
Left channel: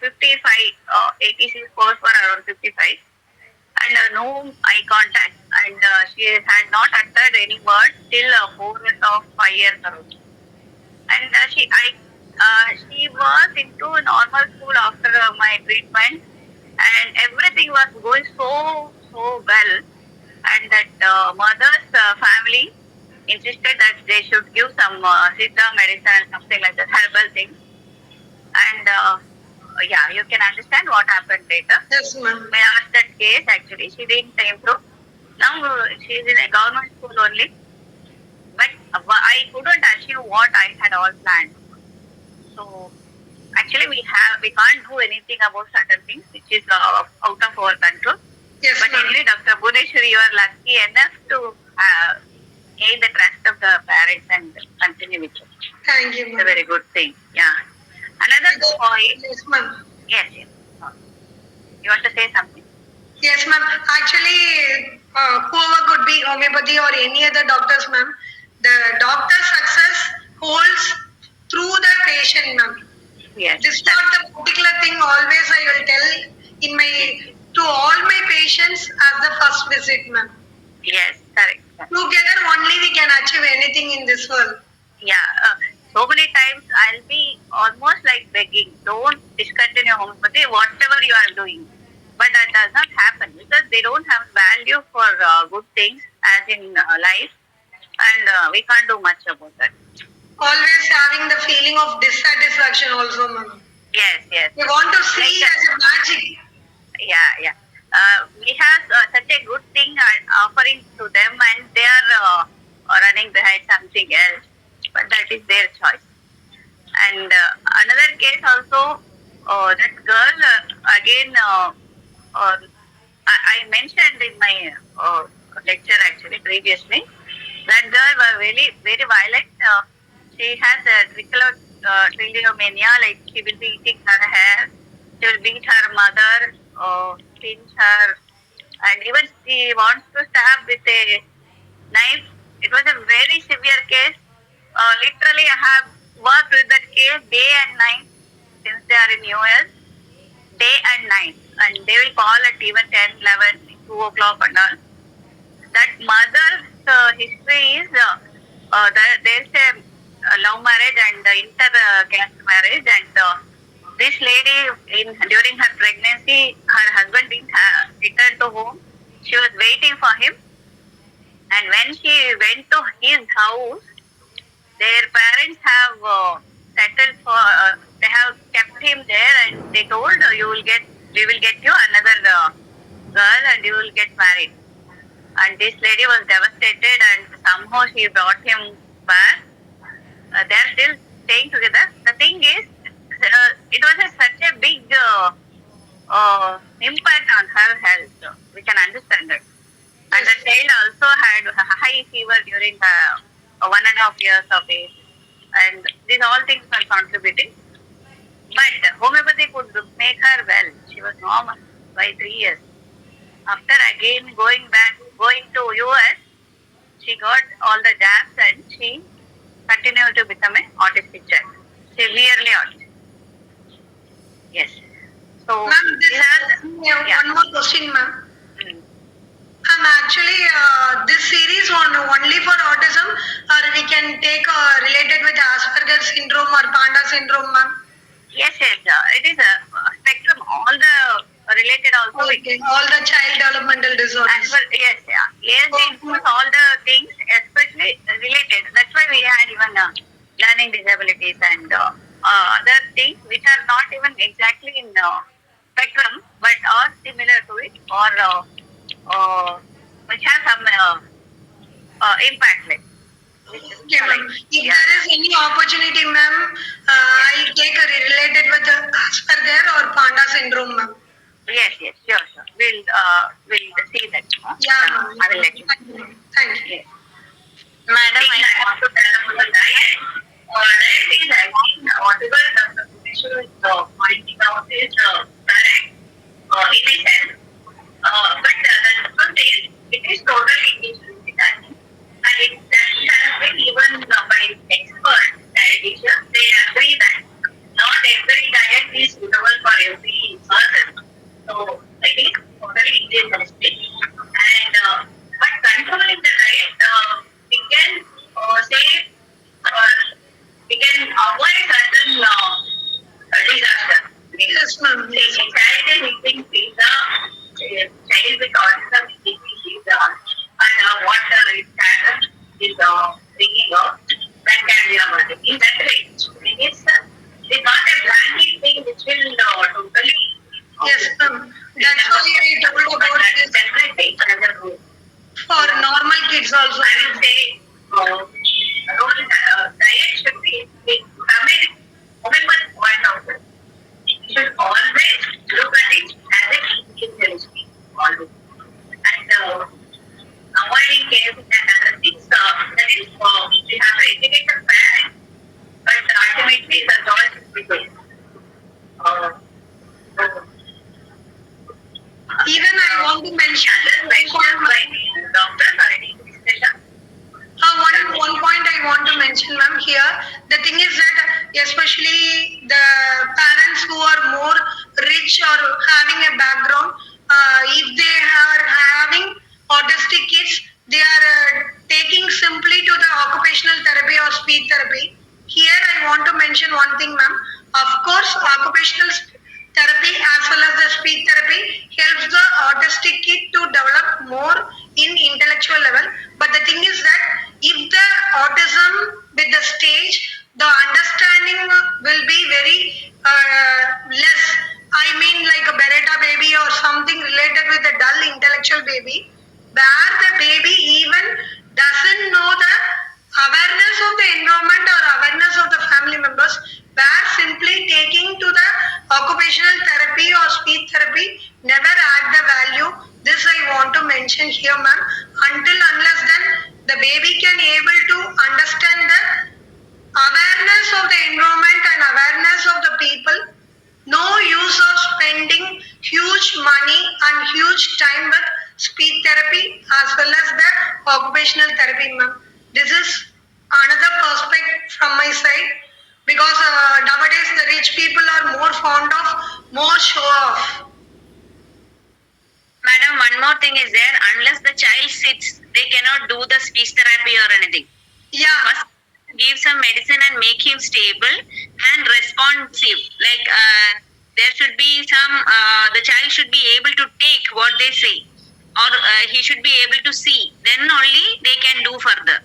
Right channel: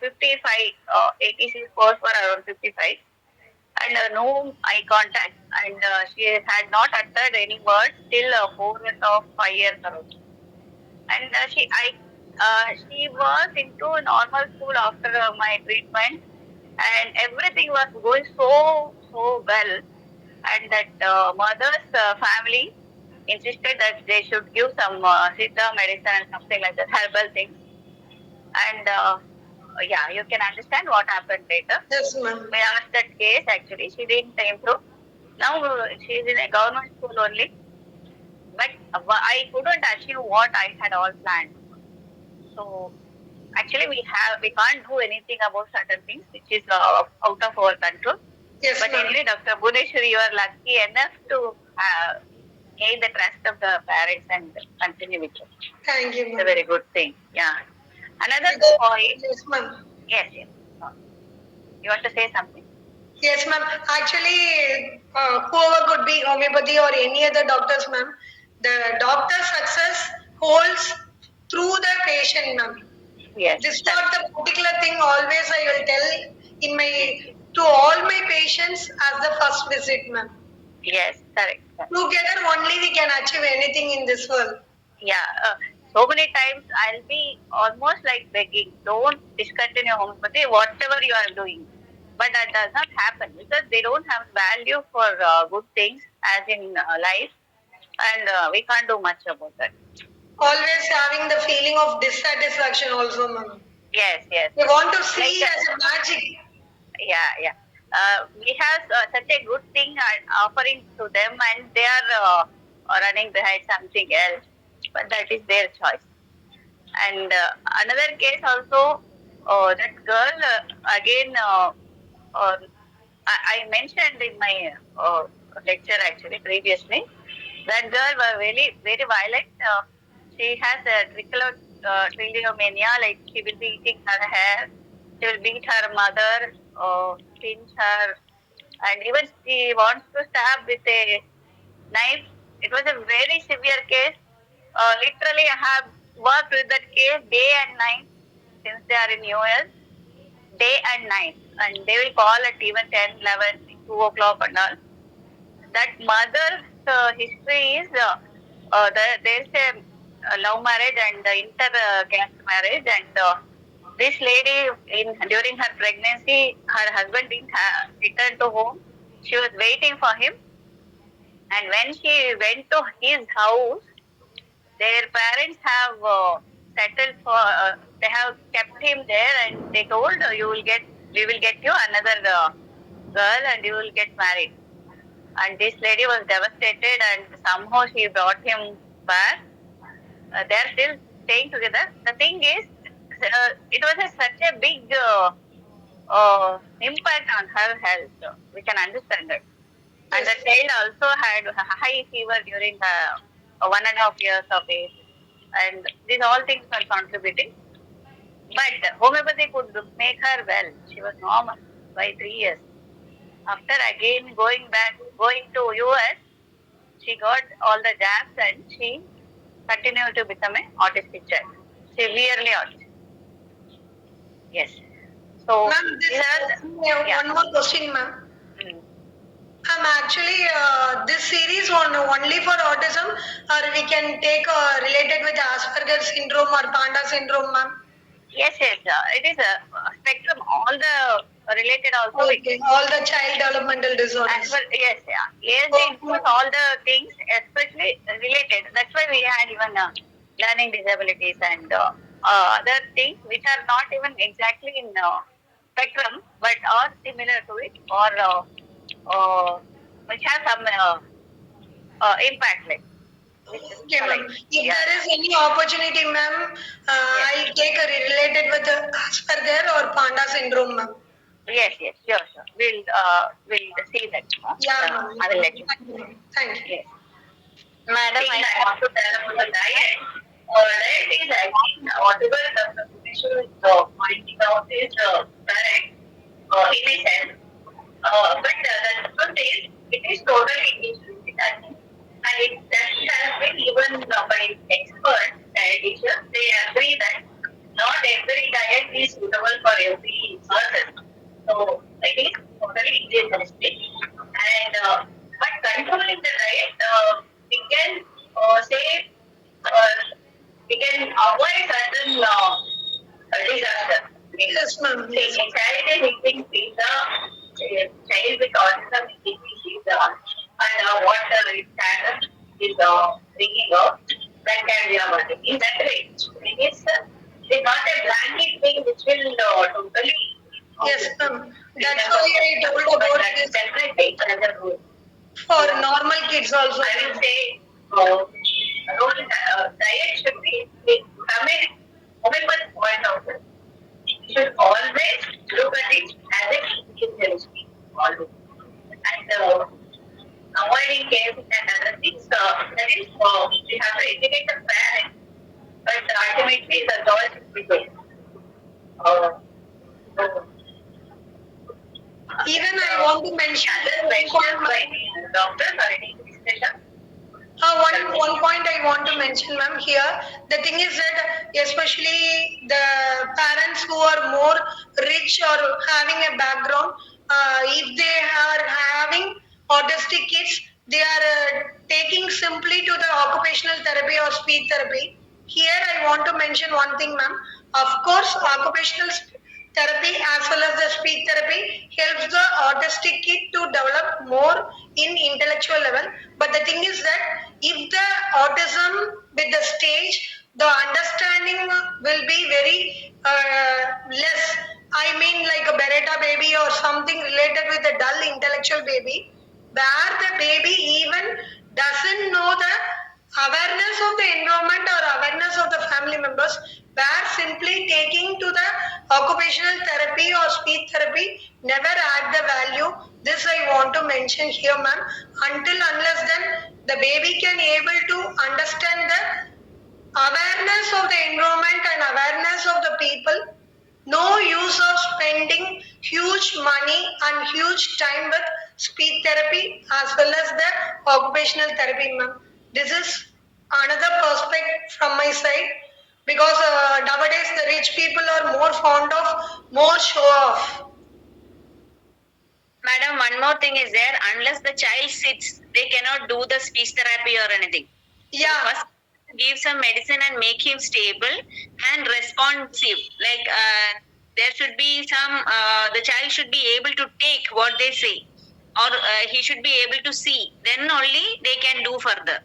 55, 86 scores for around 55, and no eye contact, and she had not uttered any word till 4.5 years around. And she was into a normal school after my treatment, and everything was going so well. And that mother's family insisted that they should give some Siddha medicine, something like that, herbal thing. And yeah, you can understand what happened later. Yes, ma'am. We asked that case actually. She didn't improve. Now she is in a government school only. But I couldn't achieve what I had all planned. So actually we can't do anything about certain things which is out of our control. Yes, but ma'am. anyway, Dr. Bhuvaneshwari, you are lucky enough to gain the trust of the parents and continue with it. Thank you, It's a ma'am. very good thing. Yeah. Another point. Yes, ma'am. Yes, yes. You want to say something? Yes, ma'am. Actually, whoever could be homeopathy or any other doctors, ma'am, the doctor's success holds through the patient, ma'am. Yes. This is not the particular thing always I will tell in my to all my patients as the first visit, ma'am. Yes, correct. Together only we can achieve anything in this world. Yeah. So many times I'll be almost like begging, don't discontinue homeopathy, whatever you are doing. But that does not happen because they don't have value for good things as in life, and we can't do much about that. Always having the feeling of dissatisfaction also, ma'am. Yes, yes. We want to see as a magic. Yeah, yeah. We have such a good thing offering to them, and they are running behind something else. But that is their choice. And another case also, that girl again. I mentioned in my lecture actually previously. That girl was very violent. She has a trichomania, like she will be eating her hair. She will beat her mother, pinch her, and even she wants to stab with a knife. It was a very severe case. Literally, I have worked with that case day and night since they are in US, day and night. And they will call at even 10, 11, 2 o'clock and all. That mother's history is there's a love marriage and inter-caste marriage, and this lady during her pregnancy, her husband didn't return to home. She was waiting for him, and when she went to his house, their parents have settled for. They have kept him there, and they told we will get you another girl, and you will get married. And this lady was devastated, and somehow she brought him back. They are still staying together. The thing is, it was such a big impact on her health. We can understand that. And the child also had a high fever during 1.5 years of age. And these all things are contributing. But homeopathy could make her well. She was normal by 3 years. After again going to US, she got all the jabs and she continued to become an autistic child. Severely autistic. Yes. So, Ma'am, one more question, ma'am. Actually, this series only for autism, or we can take related with Asperger syndrome or Panda syndrome, ma'am? Yes, yes. It is a spectrum. All the related also. Okay. All the child developmental disorders. Well, yes, yeah. Yes, they include all the things, especially related. That's why we had even learning disabilities and other things which are not even exactly in spectrum, but are similar to it, or which have some impact. Like, Okay, ma'am. If there is any opportunity, ma'am, I take a related with the Asperger or Panda syndrome, ma'am. Yes, yes, sure. We'll see that. Yeah, ma'am. I will let you. Thank you. Yes. Madam, I want to tell about the diet. Diet is actually whatever Dr. Bhuvaneshwari is pointing out is correct in a sense. But the truth is, it is totally individual. And it has been given by experts, dietitians. They agree that not every diet is suitable for every person. So it is totally individualistic. And but controlling the diet, we can say we can avoid certain disasters. Yes, ma'am. Yes. A child is eating pizza, a child with autism is eating pizza, and what its status is thinking of, that can be avoided. In that way, it is not a blanket thing which will totally. Yes, ma'am. That's why I told about this. Definitely, another rule. For normal kids also. I will say, diet should be from a homeopathic point of view. You should always look at it as a individualistic. Always. And avoiding cases and other things, mention by any doctors or any physician? one point I want to mention, ma'am, here. The thing is that, especially the parents who are more rich or having a background, if they are having autistic kids, they are taking simply to the occupational therapy or speech therapy. Here, I want to mention one thing, ma'am. Of course, occupational therapy as well as the speech therapy helps the autistic kid to develop more in intellectual level. But the thing is that if the autism with the stage, the understanding will be very less. I mean, like a Beretta baby or something related with a dull intellectual baby, where the baby even doesn't know the awareness of the environment or awareness of the family members, where simply taking to the occupational therapy or speech therapy never add the value. This I want to mention here, ma'am. Until unless then the baby can able to understand the awareness of the environment and awareness of the people, no use of spending huge money and huge time with speech therapy as well as the occupational therapy, ma'am. This is another perspective from my side, because nowadays the rich people are more fond of more show off. Madam, one more thing is there. Unless the child sits, they cannot do the speech therapy or anything. Yeah. First, give some medicine and make him stable and responsive. Like there should be some. The child should be able to take what they say, or he should be able to see. Then only they can do further.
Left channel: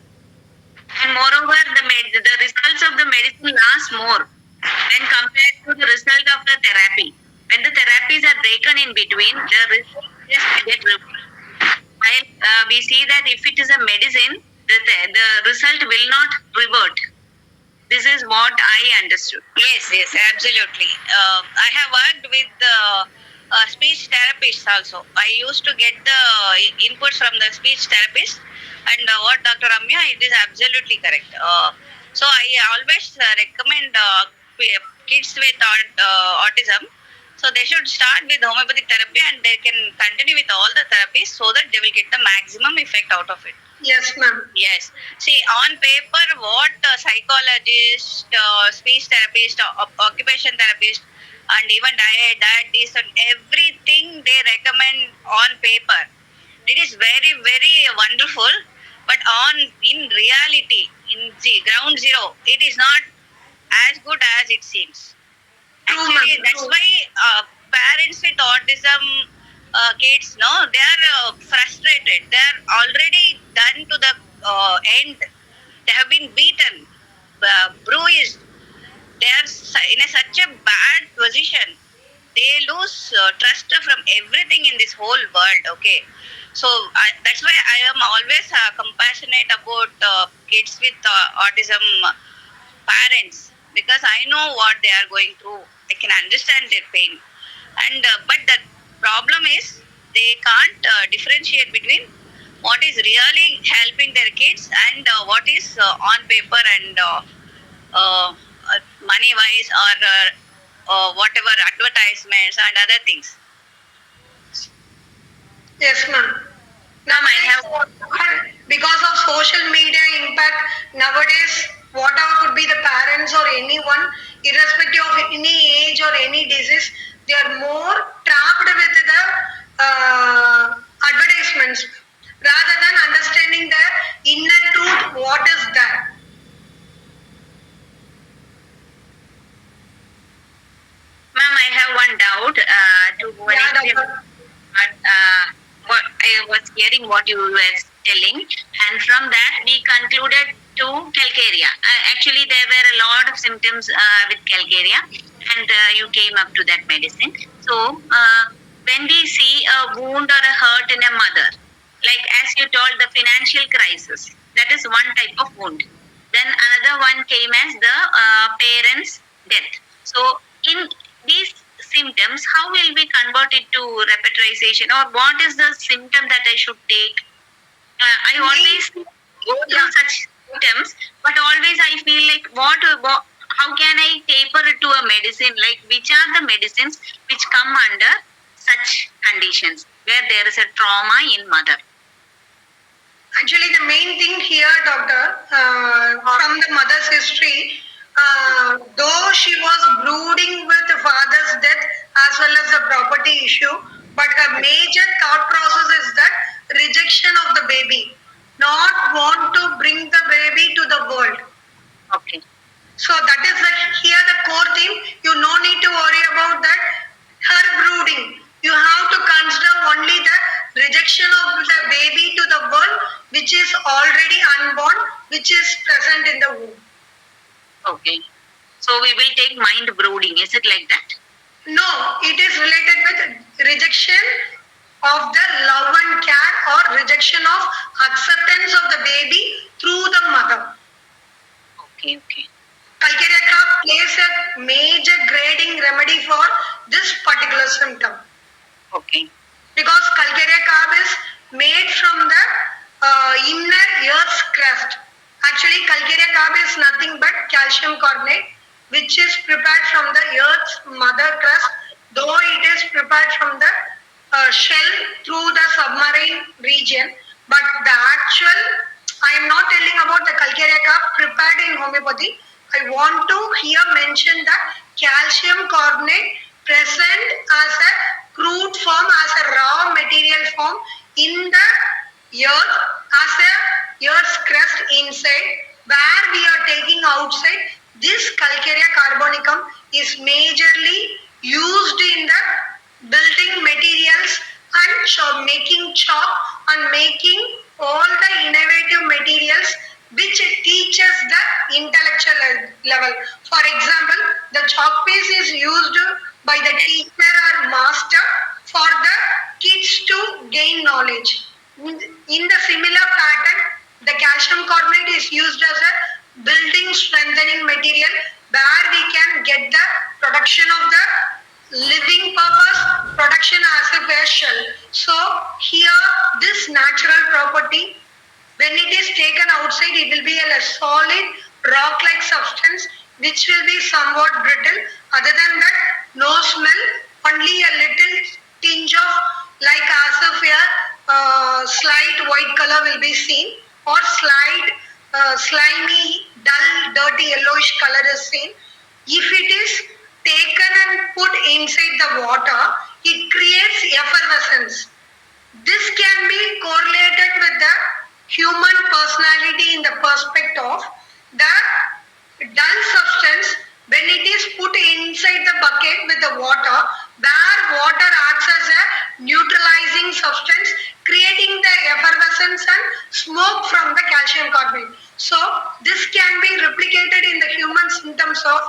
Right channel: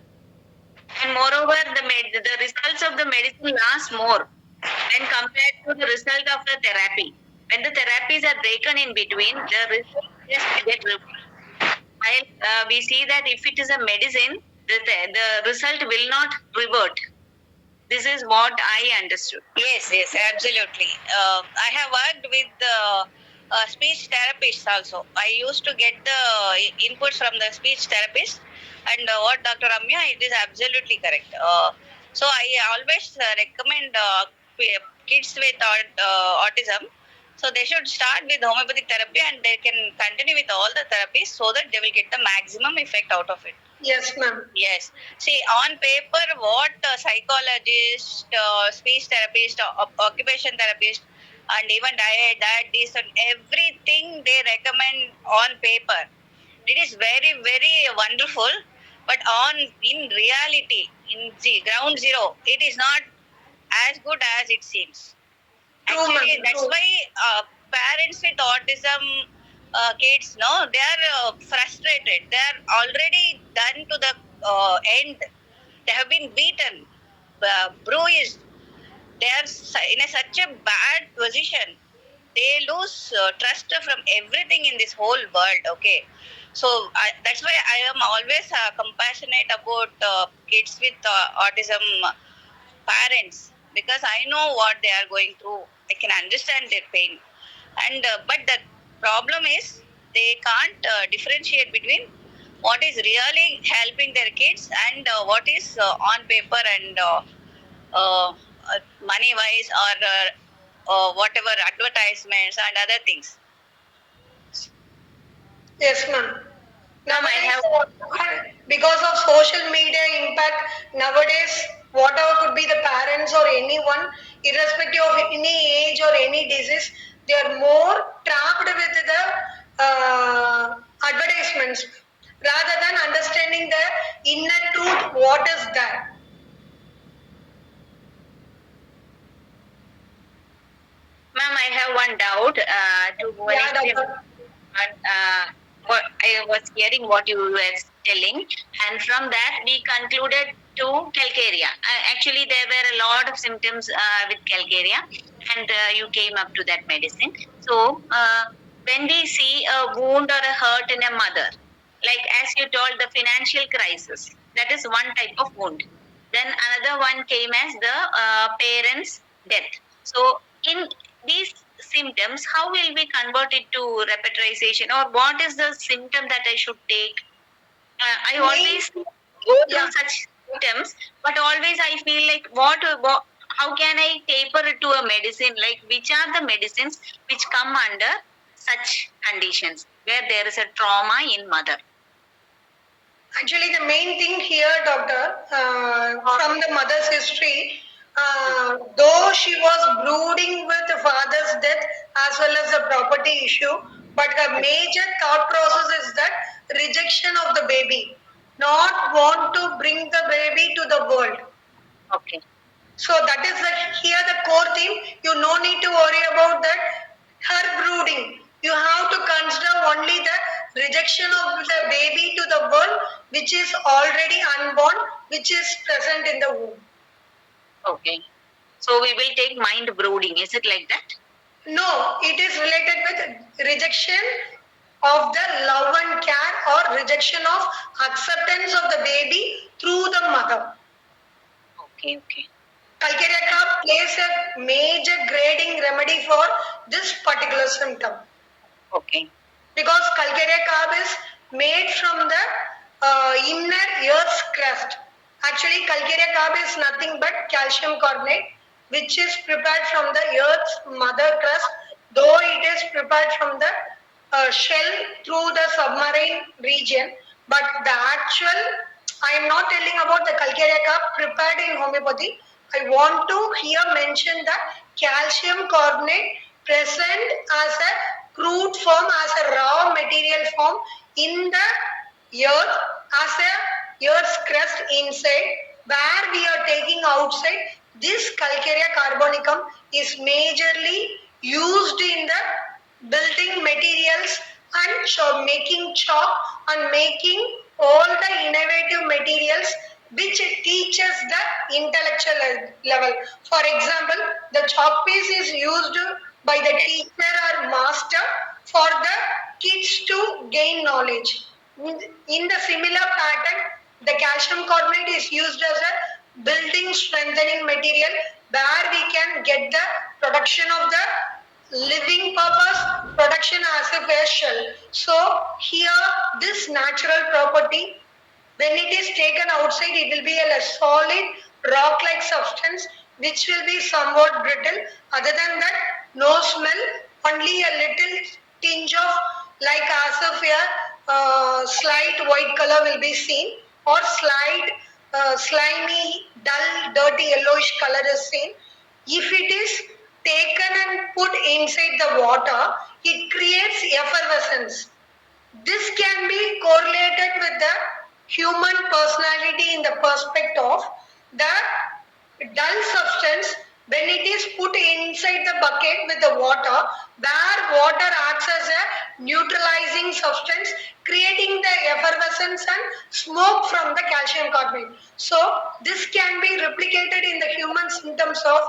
And moreover, the results of the medicine last more when compared to the result of the therapy. When the therapies are taken in between, the result just get reversed. While we see that if it is a medicine, the result will not revert. This is what I understood. Yes, yes, absolutely. I have worked with speech therapists also. I used to get the inputs from the speech therapist, and what Dr. Ramya, it is absolutely correct. So I always recommend kids with autism. So they should start with homeopathic therapy and they can continue with all the therapies so that they will get the maximum effect out of it. Yes, ma'am. Yes. See, on paper, what psychologist, speech therapist, occupation therapist, and even dietitian, and everything they recommend on paper, it is very, very wonderful. But in reality, in ground zero, it is not as good as it seems. Actually, that's why parents with autism kids, no, they are frustrated. They are already done to the end. They have been beaten, bruised. They are in such a bad position. They lose trust from everything in this whole world. Okay, so that's why I am always compassionate about kids with autism parents, because I know what they are going through. I can understand their pain, and but the problem is they can't differentiate between what is really helping their kids and what is on paper and money wise or whatever advertisements and other things. Yes, ma'am. Nowadays, because of social media impact, nowadays, whatever could be the parents or anyone, irrespective of any age or any disease, they are more trapped with the advertisements rather than understanding the inner truth, what is that. Ma'am, I have one doubt to Bhuvaneswari. What I was hearing what you were telling, and from that we concluded to calcaria. Actually, there were a lot of symptoms with calcaria, and you came up to that medicine. So, when we see a wound or a hurt in a mother, like as you told, the financial crisis, that is one type of wound. Then another one came as the parent's death. So, in these symptoms, how will we convert it to repetition, or what is the symptom that I should take? I always go through such symptoms, but always I feel like how can I taper it to a medicine? Like which are the medicines which come under such conditions? where there is a trauma in mother? Actually, the main thing here, doctor, from the mother's history, though she was brooding with the father's death as well as the property issue, but her major thought process is that rejection of the baby, not want to bring the baby to the world. Okay. So that is here the core theme. You no need to worry about that. Her brooding. You have to consider only the rejection of the baby to the world, which is already unborn, which is present in the womb. Okay. So we will take mind brooding. Is it like that? No, it is related with rejection of the love and care or rejection of acceptance of the baby through the mother. Okay, okay. Calcarea cup plays a major grading remedy for this particular symptom. Okay. Because Calcarea carb is made from the inner earth's crust. Actually, Calcarea carb is nothing but calcium carbonate, which is prepared from the earth's mother crust, though it is prepared from the shell through the submarine region. But the actual, I am not telling about the Calcarea carb prepared in homeopathy. I want to here mention the calcium carbonate present as a crude form, as a raw material form in the earth, as a earth's crust inside, where we are taking outside. This Calcarea carbonicum is majorly used in the building materials and making chalk and making all the innovative materials which teaches the intellectual level. For example, the chalk piece is used by the teacher or master for the kids to gain knowledge. In the similar pattern, the calcium carbonate is used as a building strengthening material where we can get the production of the living purpose, production as a facial. So here this natural property, when it is taken outside, it will be a solid rock-like substance which will be somewhat brittle. Other than that, no smell, only a little tinge of like as if a slight white color will be seen, or slight slimy, dull, dirty yellowish color is seen. If it is taken and put inside the water, it creates effervescence. This can be correlated with the human personality in the perspective of the dull substance when it is put inside the bucket with the water, where water acts as a neutralizing substance, creating the effervescence and smoke from the calcium carbonate. So this can be replicated in the human symptoms of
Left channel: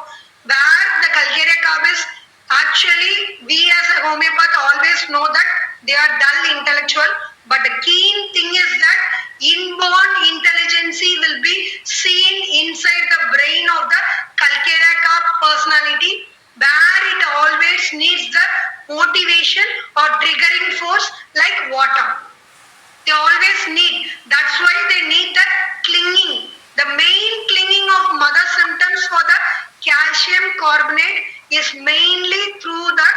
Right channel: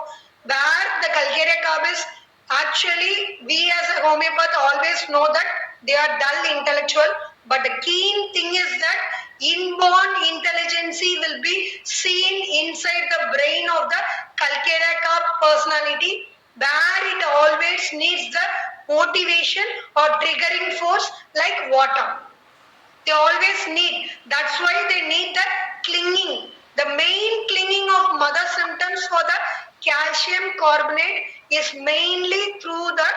where the Calcarea carb is actually, we as a homeopath always know that they are dull intellectual, but the keen thing is that inborn intelligence will be seen inside the brain of the Calcarea carb personality, where it always needs the motivation or triggering force like water. They always need. That's why they need the clinging. The main clinging of mother symptoms for the calcium carbonate is mainly through the,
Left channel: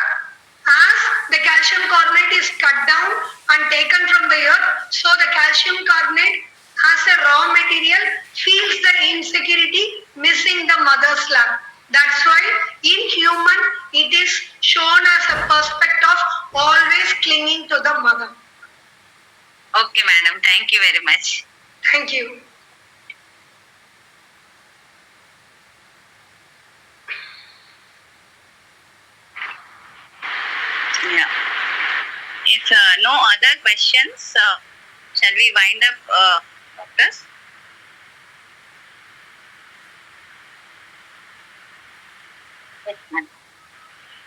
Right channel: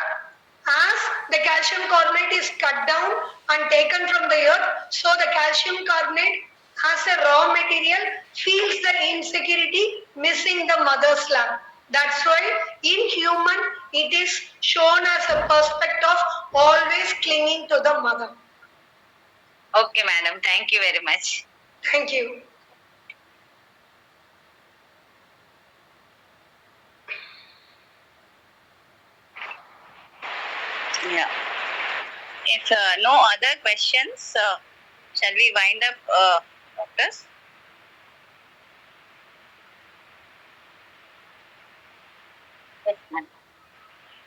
as the calcium carbonate is cut down and taken from the earth, so the calcium carbonate as a raw material feels the insecurity missing the mother's lap. That's why in human it is shown as a perspective of always clinging to the mother. Okay, madam. Thank you very much. Thank you. Yeah. If no other questions, shall we wind up, doctors?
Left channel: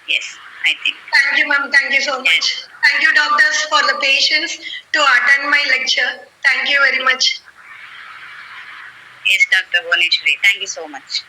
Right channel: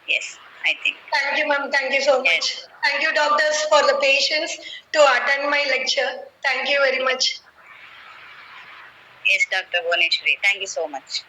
Yes, I think. Thank you, ma'am. Thank you so much. Thank you, doctors, for the patience to attend my lecture. Thank you very much. Yes, Dr. Bhuvaneshwari. Thank you so much.